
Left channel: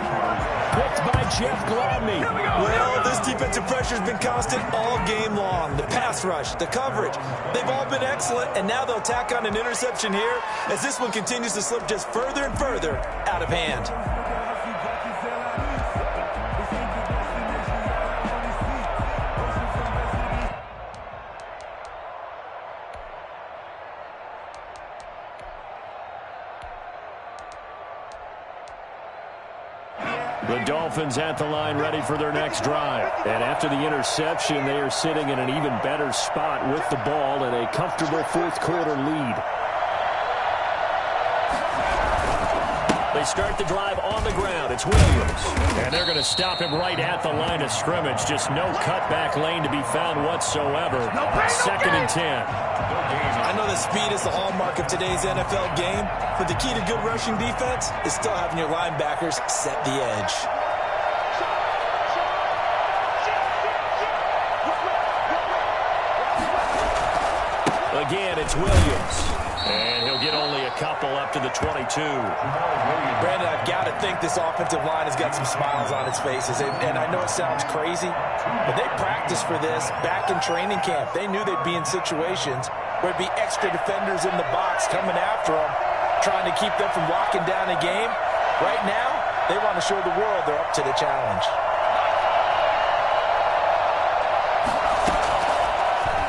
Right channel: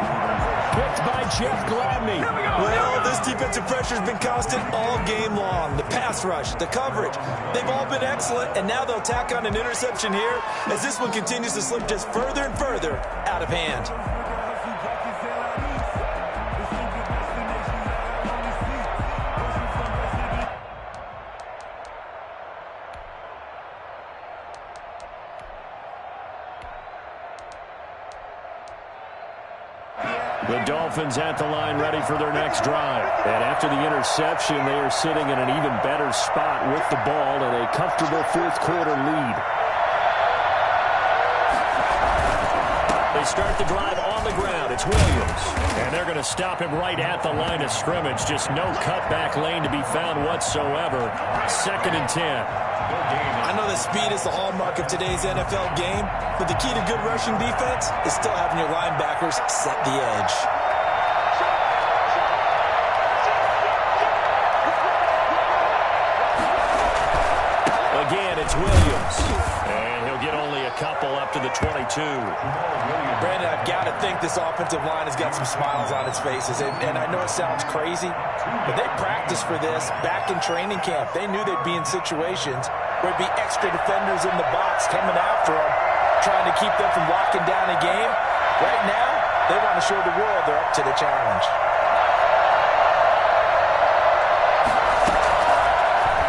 Picked by Jeff Gladney. Well, this defensive pressure has been constant all game long. The pass rush, the coverage, they've all been excellent, and now they'll tack on an interception here as this one continues to slip just further and further out of hand. The Dolphins at the line ready for their next drive. And after the interception, they are sitting in an even better spot with the ball and a comfortable 4th quarter lead. They start the drive on the ground. It's Williams. And they're going to stop him right at the line of scrimmage. Just no cutback lane to be found whatsoever. 2nd and 10. I know that speed is the hallmark of today's NFL game, but the key to good rushing defense is still having your linebackers set the edge. again, it's Williams. And he'll get only a couple up to the 22. Brandon, I've got to think this offensive line has got some smiles on its faces. And I know it sounds crazy, but they practiced for this back in training camp. They knew they'd be in situations where there'd be extra defenders in the box coming after them, trying to keep them from locking down a game. Right now, they want to show the world they're up to the challenge.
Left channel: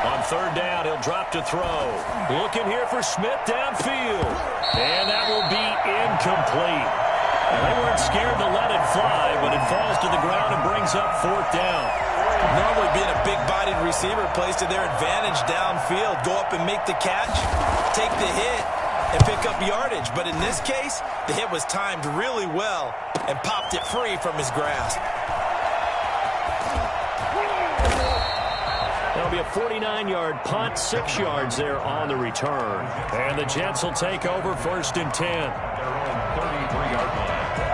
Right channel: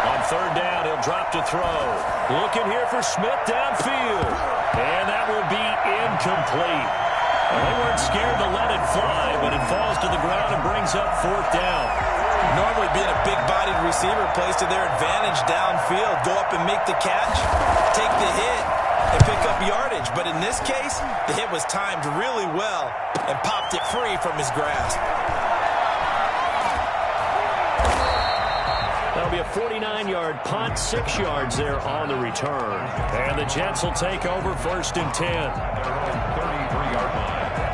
On third down, he'll drop to throw. Looking here for Smith downfield. And that will be incomplete. Well, they weren't scared to let it fly, but it falls to the ground and brings up fourth down. Normally being a big-bodied receiver plays to their advantage downfield. Go up and make the catch, take the hit, and pick up yardage. But in this case, the hit was timed really well and popped it free from his grasp. That'll be a 49-yard punt, 6 yards there on the return. And the Jets will take over first and 10. Their own 33-yard line.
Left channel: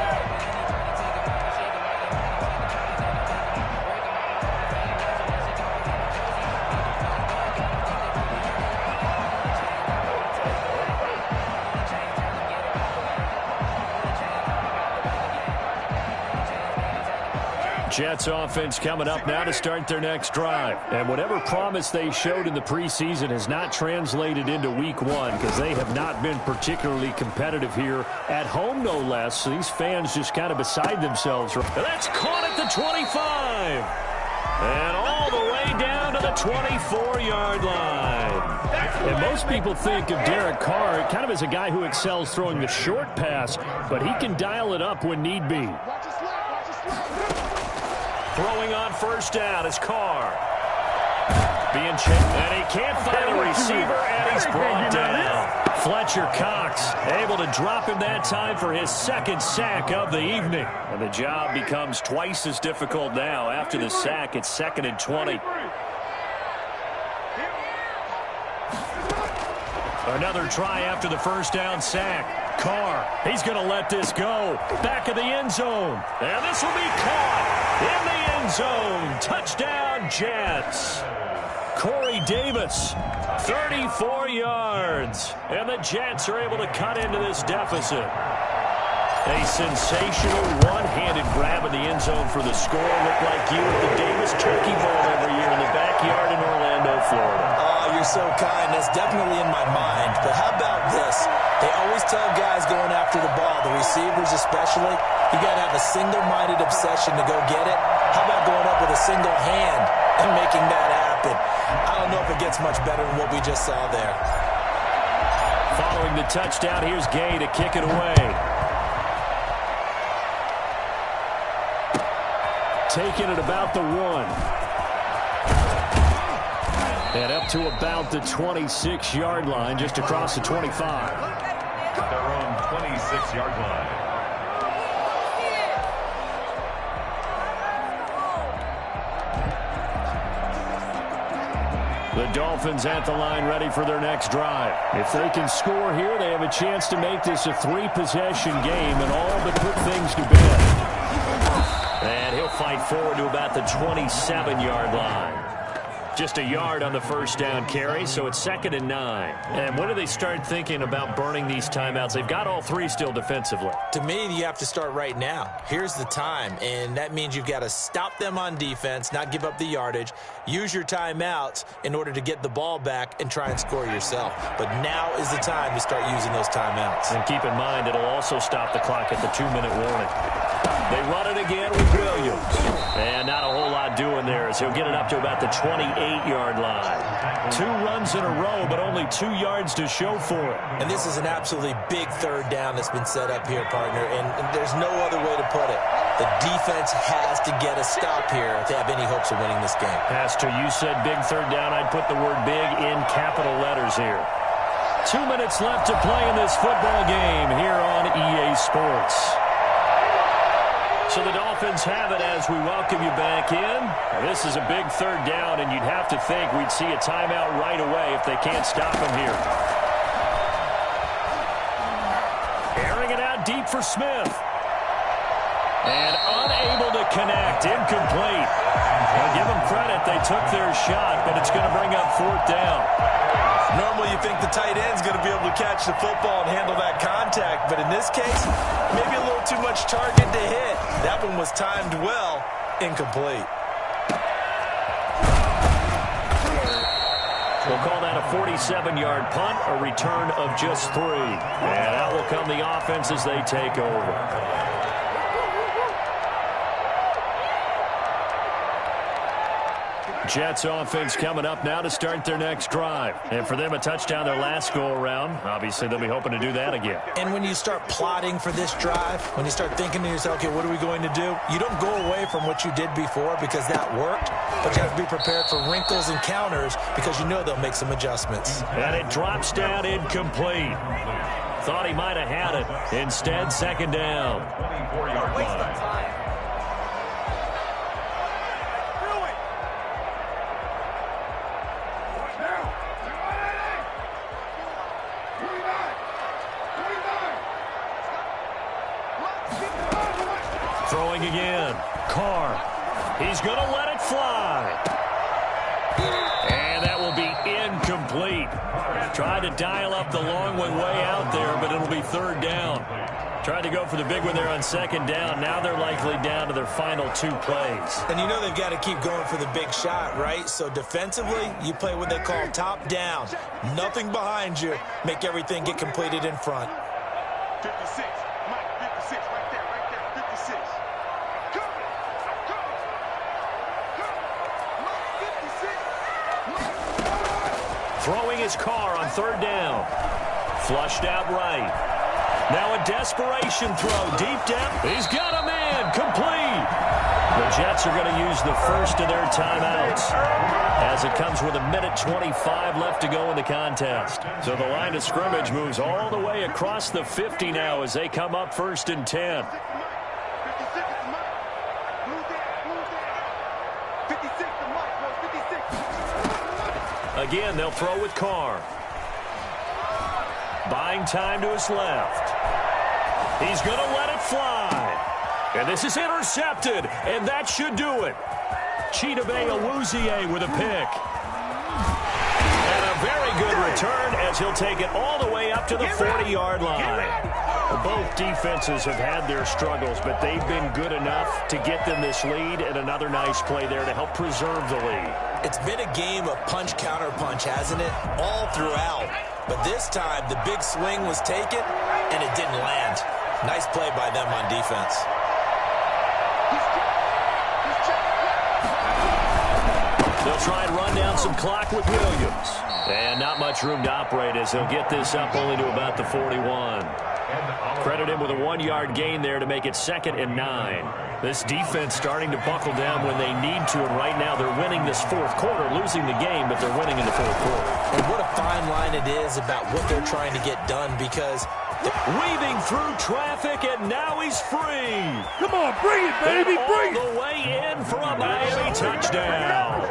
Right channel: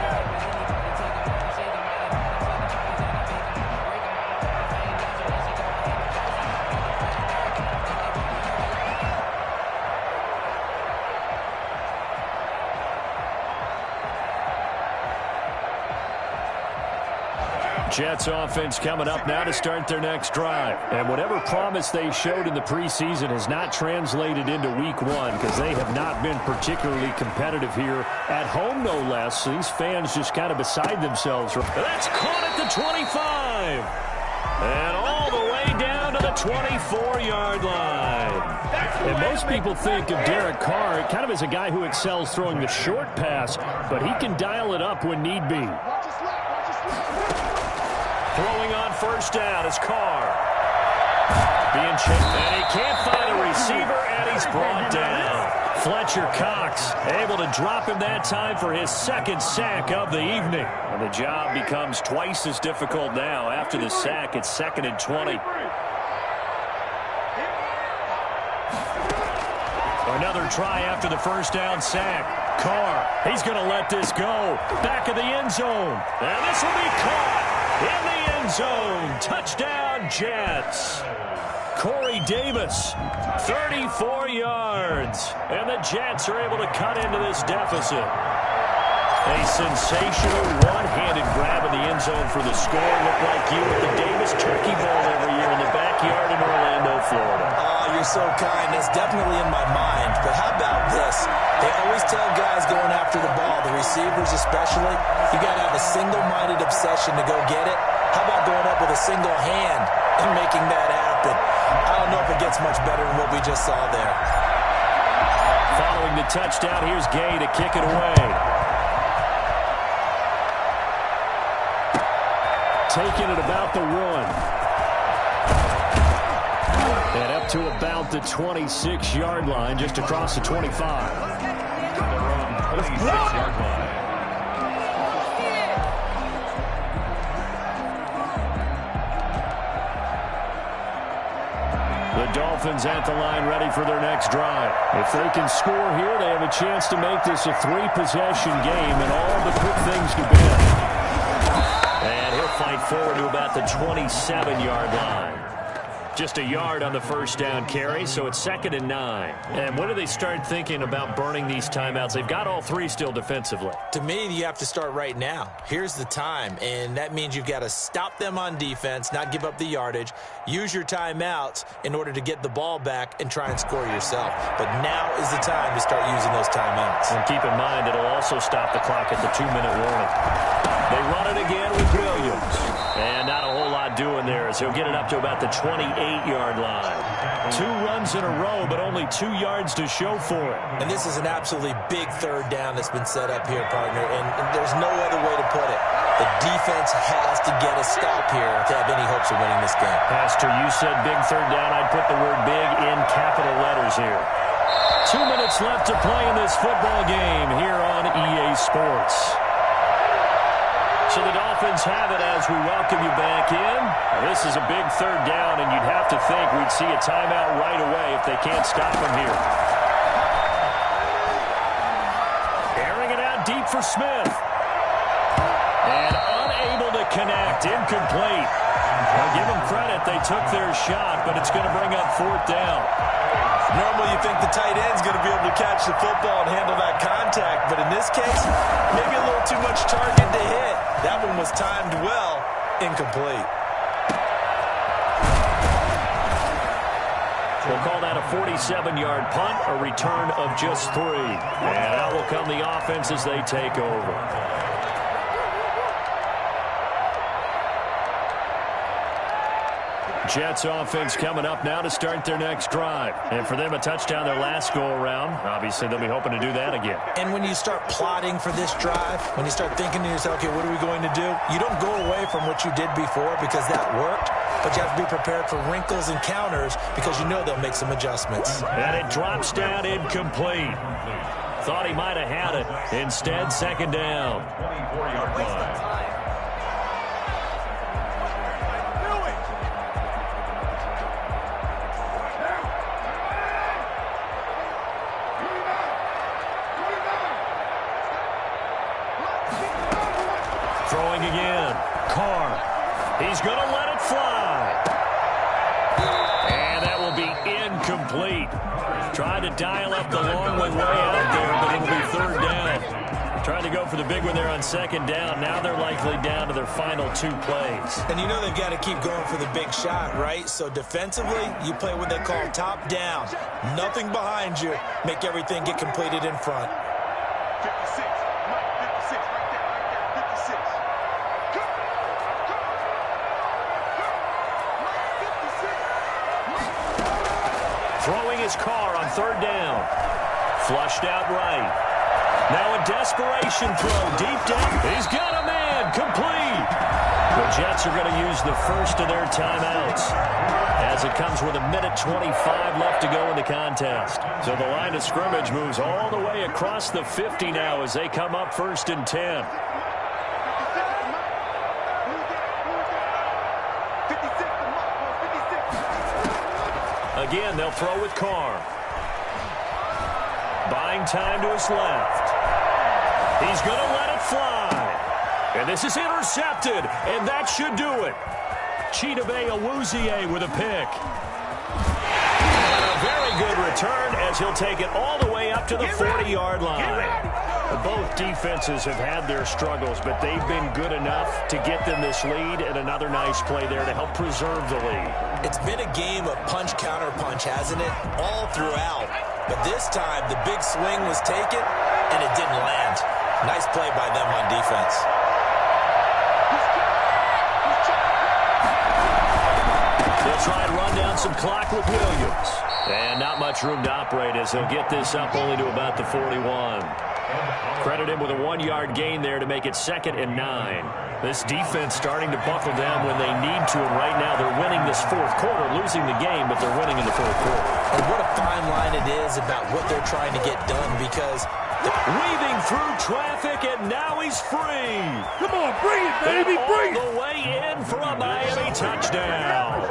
Jets offense coming up now to start their next drive. And whatever promise they showed in the preseason has not translated into week one because they have not been particularly competitive here at home, no less. So these fans just kind of beside themselves. That's caught at the 25. And all the way down to the 24-yard line. And most people think of Derek Carr kind of as a guy who excels throwing the short pass, but he can dial it up when need be. Throwing on first down is Carr. Being chipped, and he can't find a receiver, and he's brought down. Fletcher Cox able to drop him that time for his second sack of the evening. And the job becomes twice as difficult now. After the sack, it's 2nd and 20. Another try after the first down sack. Carr, he's going to let this go. Back of the end zone. And this will be caught in the end zone. Touchdown, Jets. Corey Davis, 34 yards. And the Jets are able to cut into this deficit. A sensational one-handed grab in the end zone for the score. Looked like you at the Davis Turkey Bowl every year in the backyard in Orlando, Florida. Oh, you're so kind. That's definitely in my mind. But how about this? They always tell guys going after the ball, the receivers especially, you got to have a single-minded obsession to go get it. How about going up with a single hand and making that happen? I don't know if it gets much better than what we just saw there. Following the touchdown, here's Gay to kick it away. Taking it about the 1. And up to about the 26-yard line, just across the 25. Their own 26-yard line. The Dolphins at the line ready for their next drive. If they can score here, they have a chance to make this a 3-possession game and all but put things to bed. And he'll fight forward to about the 27-yard line. Just a yard on the first down carry, so it's 2nd and 9. And when do they start thinking about burning these timeouts? They've got all 3 still defensively. To me, you have to start right now. Here's the time, and that means you've got to stop them on defense, not give up the yardage, use your timeouts in order to get the ball back and try and score yourself. But now is the time to start using those timeouts. And keep in mind, it'll also stop the clock at the 2-minute warning. They run it again with Williams. And not a whole lot doing there as he'll get it up to about the 28-yard line. 2 runs in a row, but only 2 yards to show for it. And this is an absolutely big third down that's been set up here, partner, and there's no other way to put it. The defense has to get a stop here if they have any hopes of winning this game. Pastor, you said big third down. I'd put the word big in capital letters here. 2 minutes left to play in this football game here on EA Sports. So the Dolphins have it as we welcome you back in. Now, this is a big third down, and you'd have to think we'd see a timeout right away if they can't stop him here. Airing it out deep for Smith. And unable to connect. Incomplete. Now give them credit. They took their shot, but it's going to bring up fourth down. Normally you think the tight end's going to be able to catch the football and handle that contact, but in this case, maybe a little too much target to hit. That one was timed well. Incomplete. We'll call that a 47-yard punt, a return of just 3. And out will come the offense as they take over. Jets offense coming up now to start their next drive. And for them, a touchdown their last go-around. Obviously, they'll be hoping to do that again. And when you start plotting for this drive, when you start thinking to yourself, okay, what are we going to do? You don't go away from what you did before because that worked, but you have to be prepared for wrinkles and counters because you know they'll make some adjustments. And it drops down incomplete. Thought he might have had it. Instead, second down. 24-yard line. Throwing again. Carr. He's going to let it fly. And that will be incomplete. Tried to dial up the long one way out there, but it'll be third down. Tried to go for the big one there on second down. Now they're likely down to their final 2 plays. And you know they've got to keep going for the big shot, right? So defensively, you play what they call top down. Nothing behind you. Make everything get completed in front. 56. Mike, 56. Right there. 56. Throwing his Carr on third down. Flushed out right. Now a desperation throw deep down. He's got a man. Complete. The Jets are going to use the first of their timeouts as it comes with 1:25 left to go in the contest. So the line of scrimmage moves all the way across the 50 now as they come up first and 10. Again, they'll throw with Carr. Buying time to his left. He's going to let it fly. And this is intercepted, and that should do it. Chidobe Awuzie with a pick. And a very good return as he'll take it all the way up to the 40-yard line. Both defenses have had their struggles, but they've been good enough to get them this lead, and another nice play there to help preserve the lead. It's been a game of punch-counter-punch, hasn't it? All throughout. But this time, the big swing was taken, and it didn't land. Nice play by them on defense. They'll try and run down some clock with Williams. And not much room to operate as he'll get this up only to about the 41. Credit him with a 1-yard gain there to make it 2nd and 9. This defense starting to buckle down when they need to, and right now they're winning this fourth quarter, losing the game, but they're winning in the fourth quarter. And what a fine line it is about what they're trying to get done because weaving through traffic, and now he's free. Come on, bring it, baby, bring it. All the way in for a Miami touchdown.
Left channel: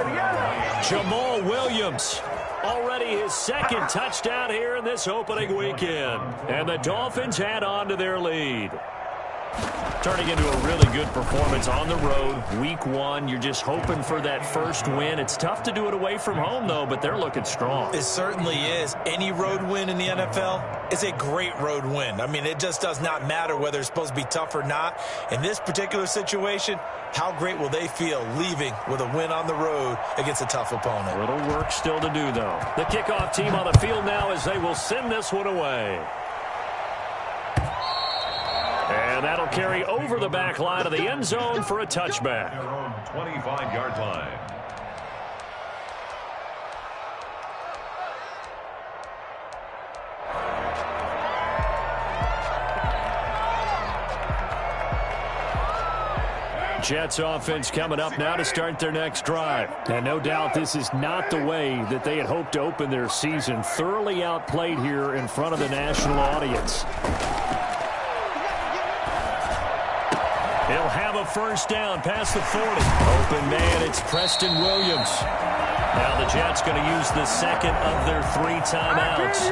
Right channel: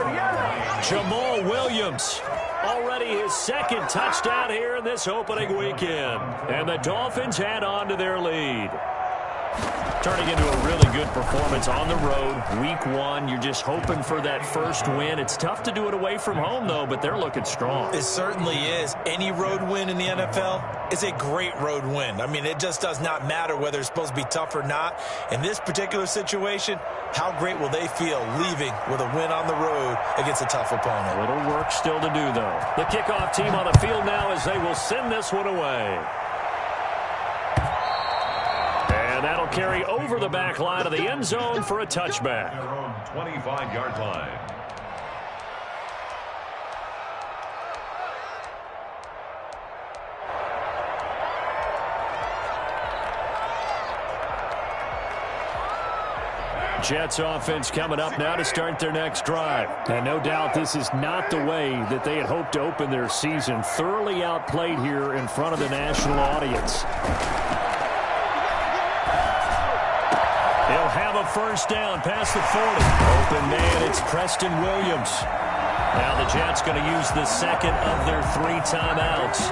Jamal Williams. Already his 2nd touchdown here in this opening weekend. And the Dolphins add on to their lead. Turning into a really good performance on the road. Week 1, you're just hoping for that first win. It's tough to do it away from home, though, but they're looking strong. It certainly is. Any road win in the NFL is a great road win. I mean, it just does not matter whether it's supposed to be tough or not. In this particular situation, how great will they feel leaving with a win on the road against a tough opponent? A little work still to do, though. The kickoff team on the field now as they will send this one away. And that'll carry over the back line of the end zone for a touchback. Their own 25-yard line. Jets offense coming up now to start their next drive. And no doubt this is not the way that they had hoped to open their season. Thoroughly outplayed here in front of the national audience. He'll have a first down past the 40. Open man, it's Preston Williams. Now the Jets going to use the 2nd of their 3 timeouts.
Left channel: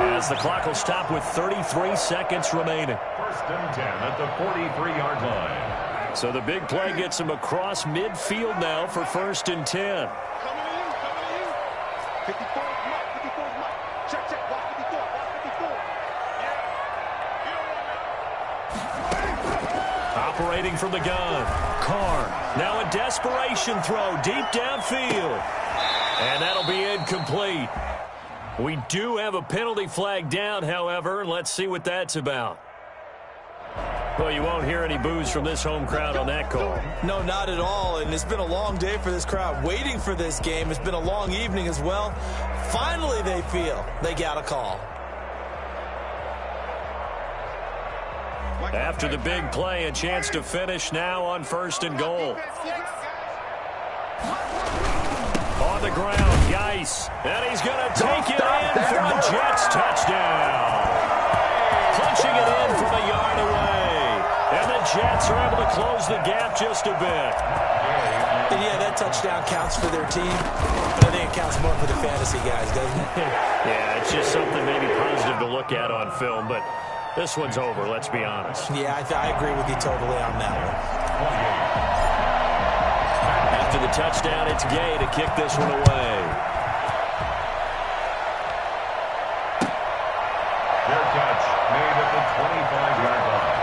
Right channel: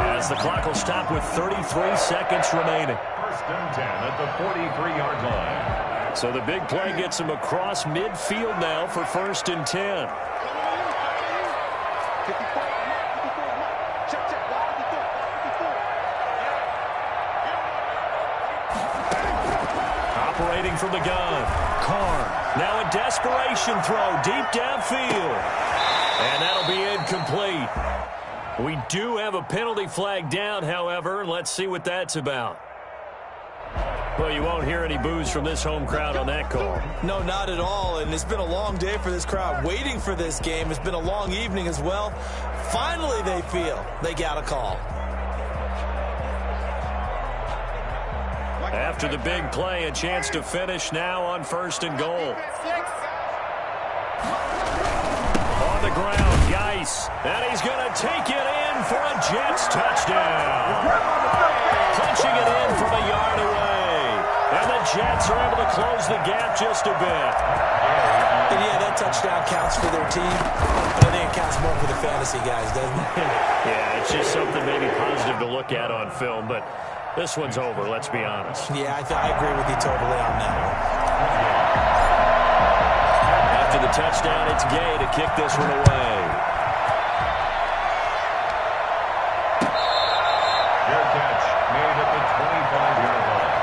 as the clock will stop with 33 seconds remaining. First and 10 at the 43-yard line. So the big play gets him across midfield now for first and 10. 54, Mike. 54 is Mike. Check, check. Watch 54. Watch 54. Yeah. Operating from the gun. Carr. Now a desperation throw deep downfield. And that'll be incomplete. We do have a penalty flag down, however. Let's see what that's about. Well, you won't hear any boos from this home crowd on that call. No, not at all. And it's been a long day for this crowd waiting for this game. It's been a long evening as well. Finally, they feel they got a call. After the big play, a chance to finish now on first and goal. On the ground, Geis. And he's going to take it in for a Jets touchdown. Punching it in from a yard away. And the Jets are able to close the gap just a bit. And yeah, that touchdown counts for their team, but I think it counts more for the fantasy guys, doesn't it? Yeah, it's just something maybe positive to look at on film, but this one's over, let's be honest. Yeah, I agree with you totally on that one. After the touchdown, it's Gay to kick this one away. Fair catch made at the 25-yard line.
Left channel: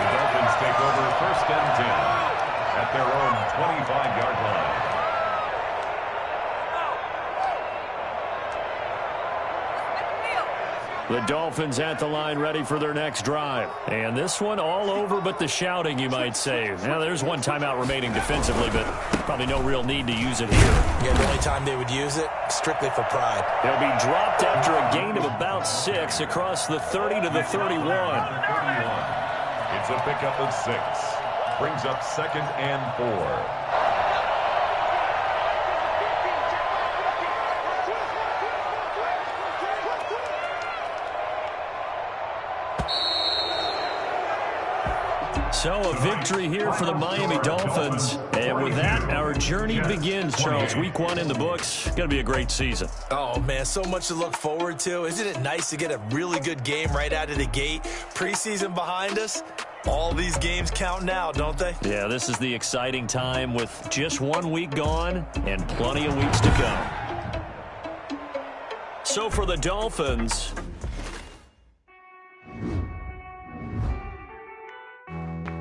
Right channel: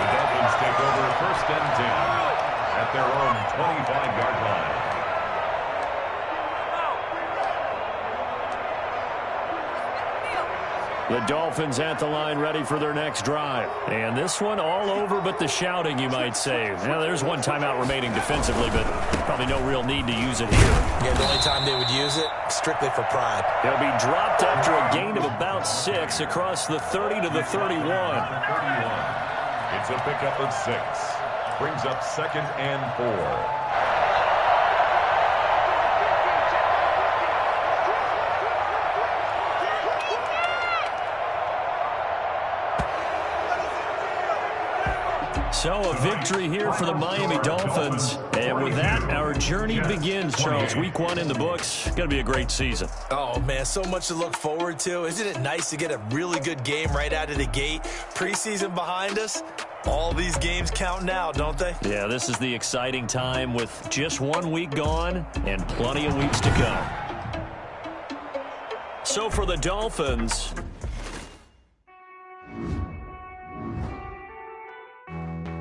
The Dolphins take over first and 10 at their own 25-yard line. The Dolphins at the line ready for their next drive. And this one all over but the shouting, you might say. Now, there's one timeout remaining defensively, but probably no real need to use it here. Yeah, the only time they would use it, strictly for pride. He'll be dropped after a gain of about 6 across the 30 to the 31. It's a pickup of 6. Brings up second and 4. So a victory here for the Miami Dolphins. And with that, our journey begins, Charles. Week 1 in the books. Going to be a great season. Oh, man, so much to look forward to. Isn't it nice to get a really good game right out of the gate? Preseason behind us. All these games count now, don't they? Yeah, this is the exciting time with just 1 week gone and plenty of weeks to come. So for the Dolphins,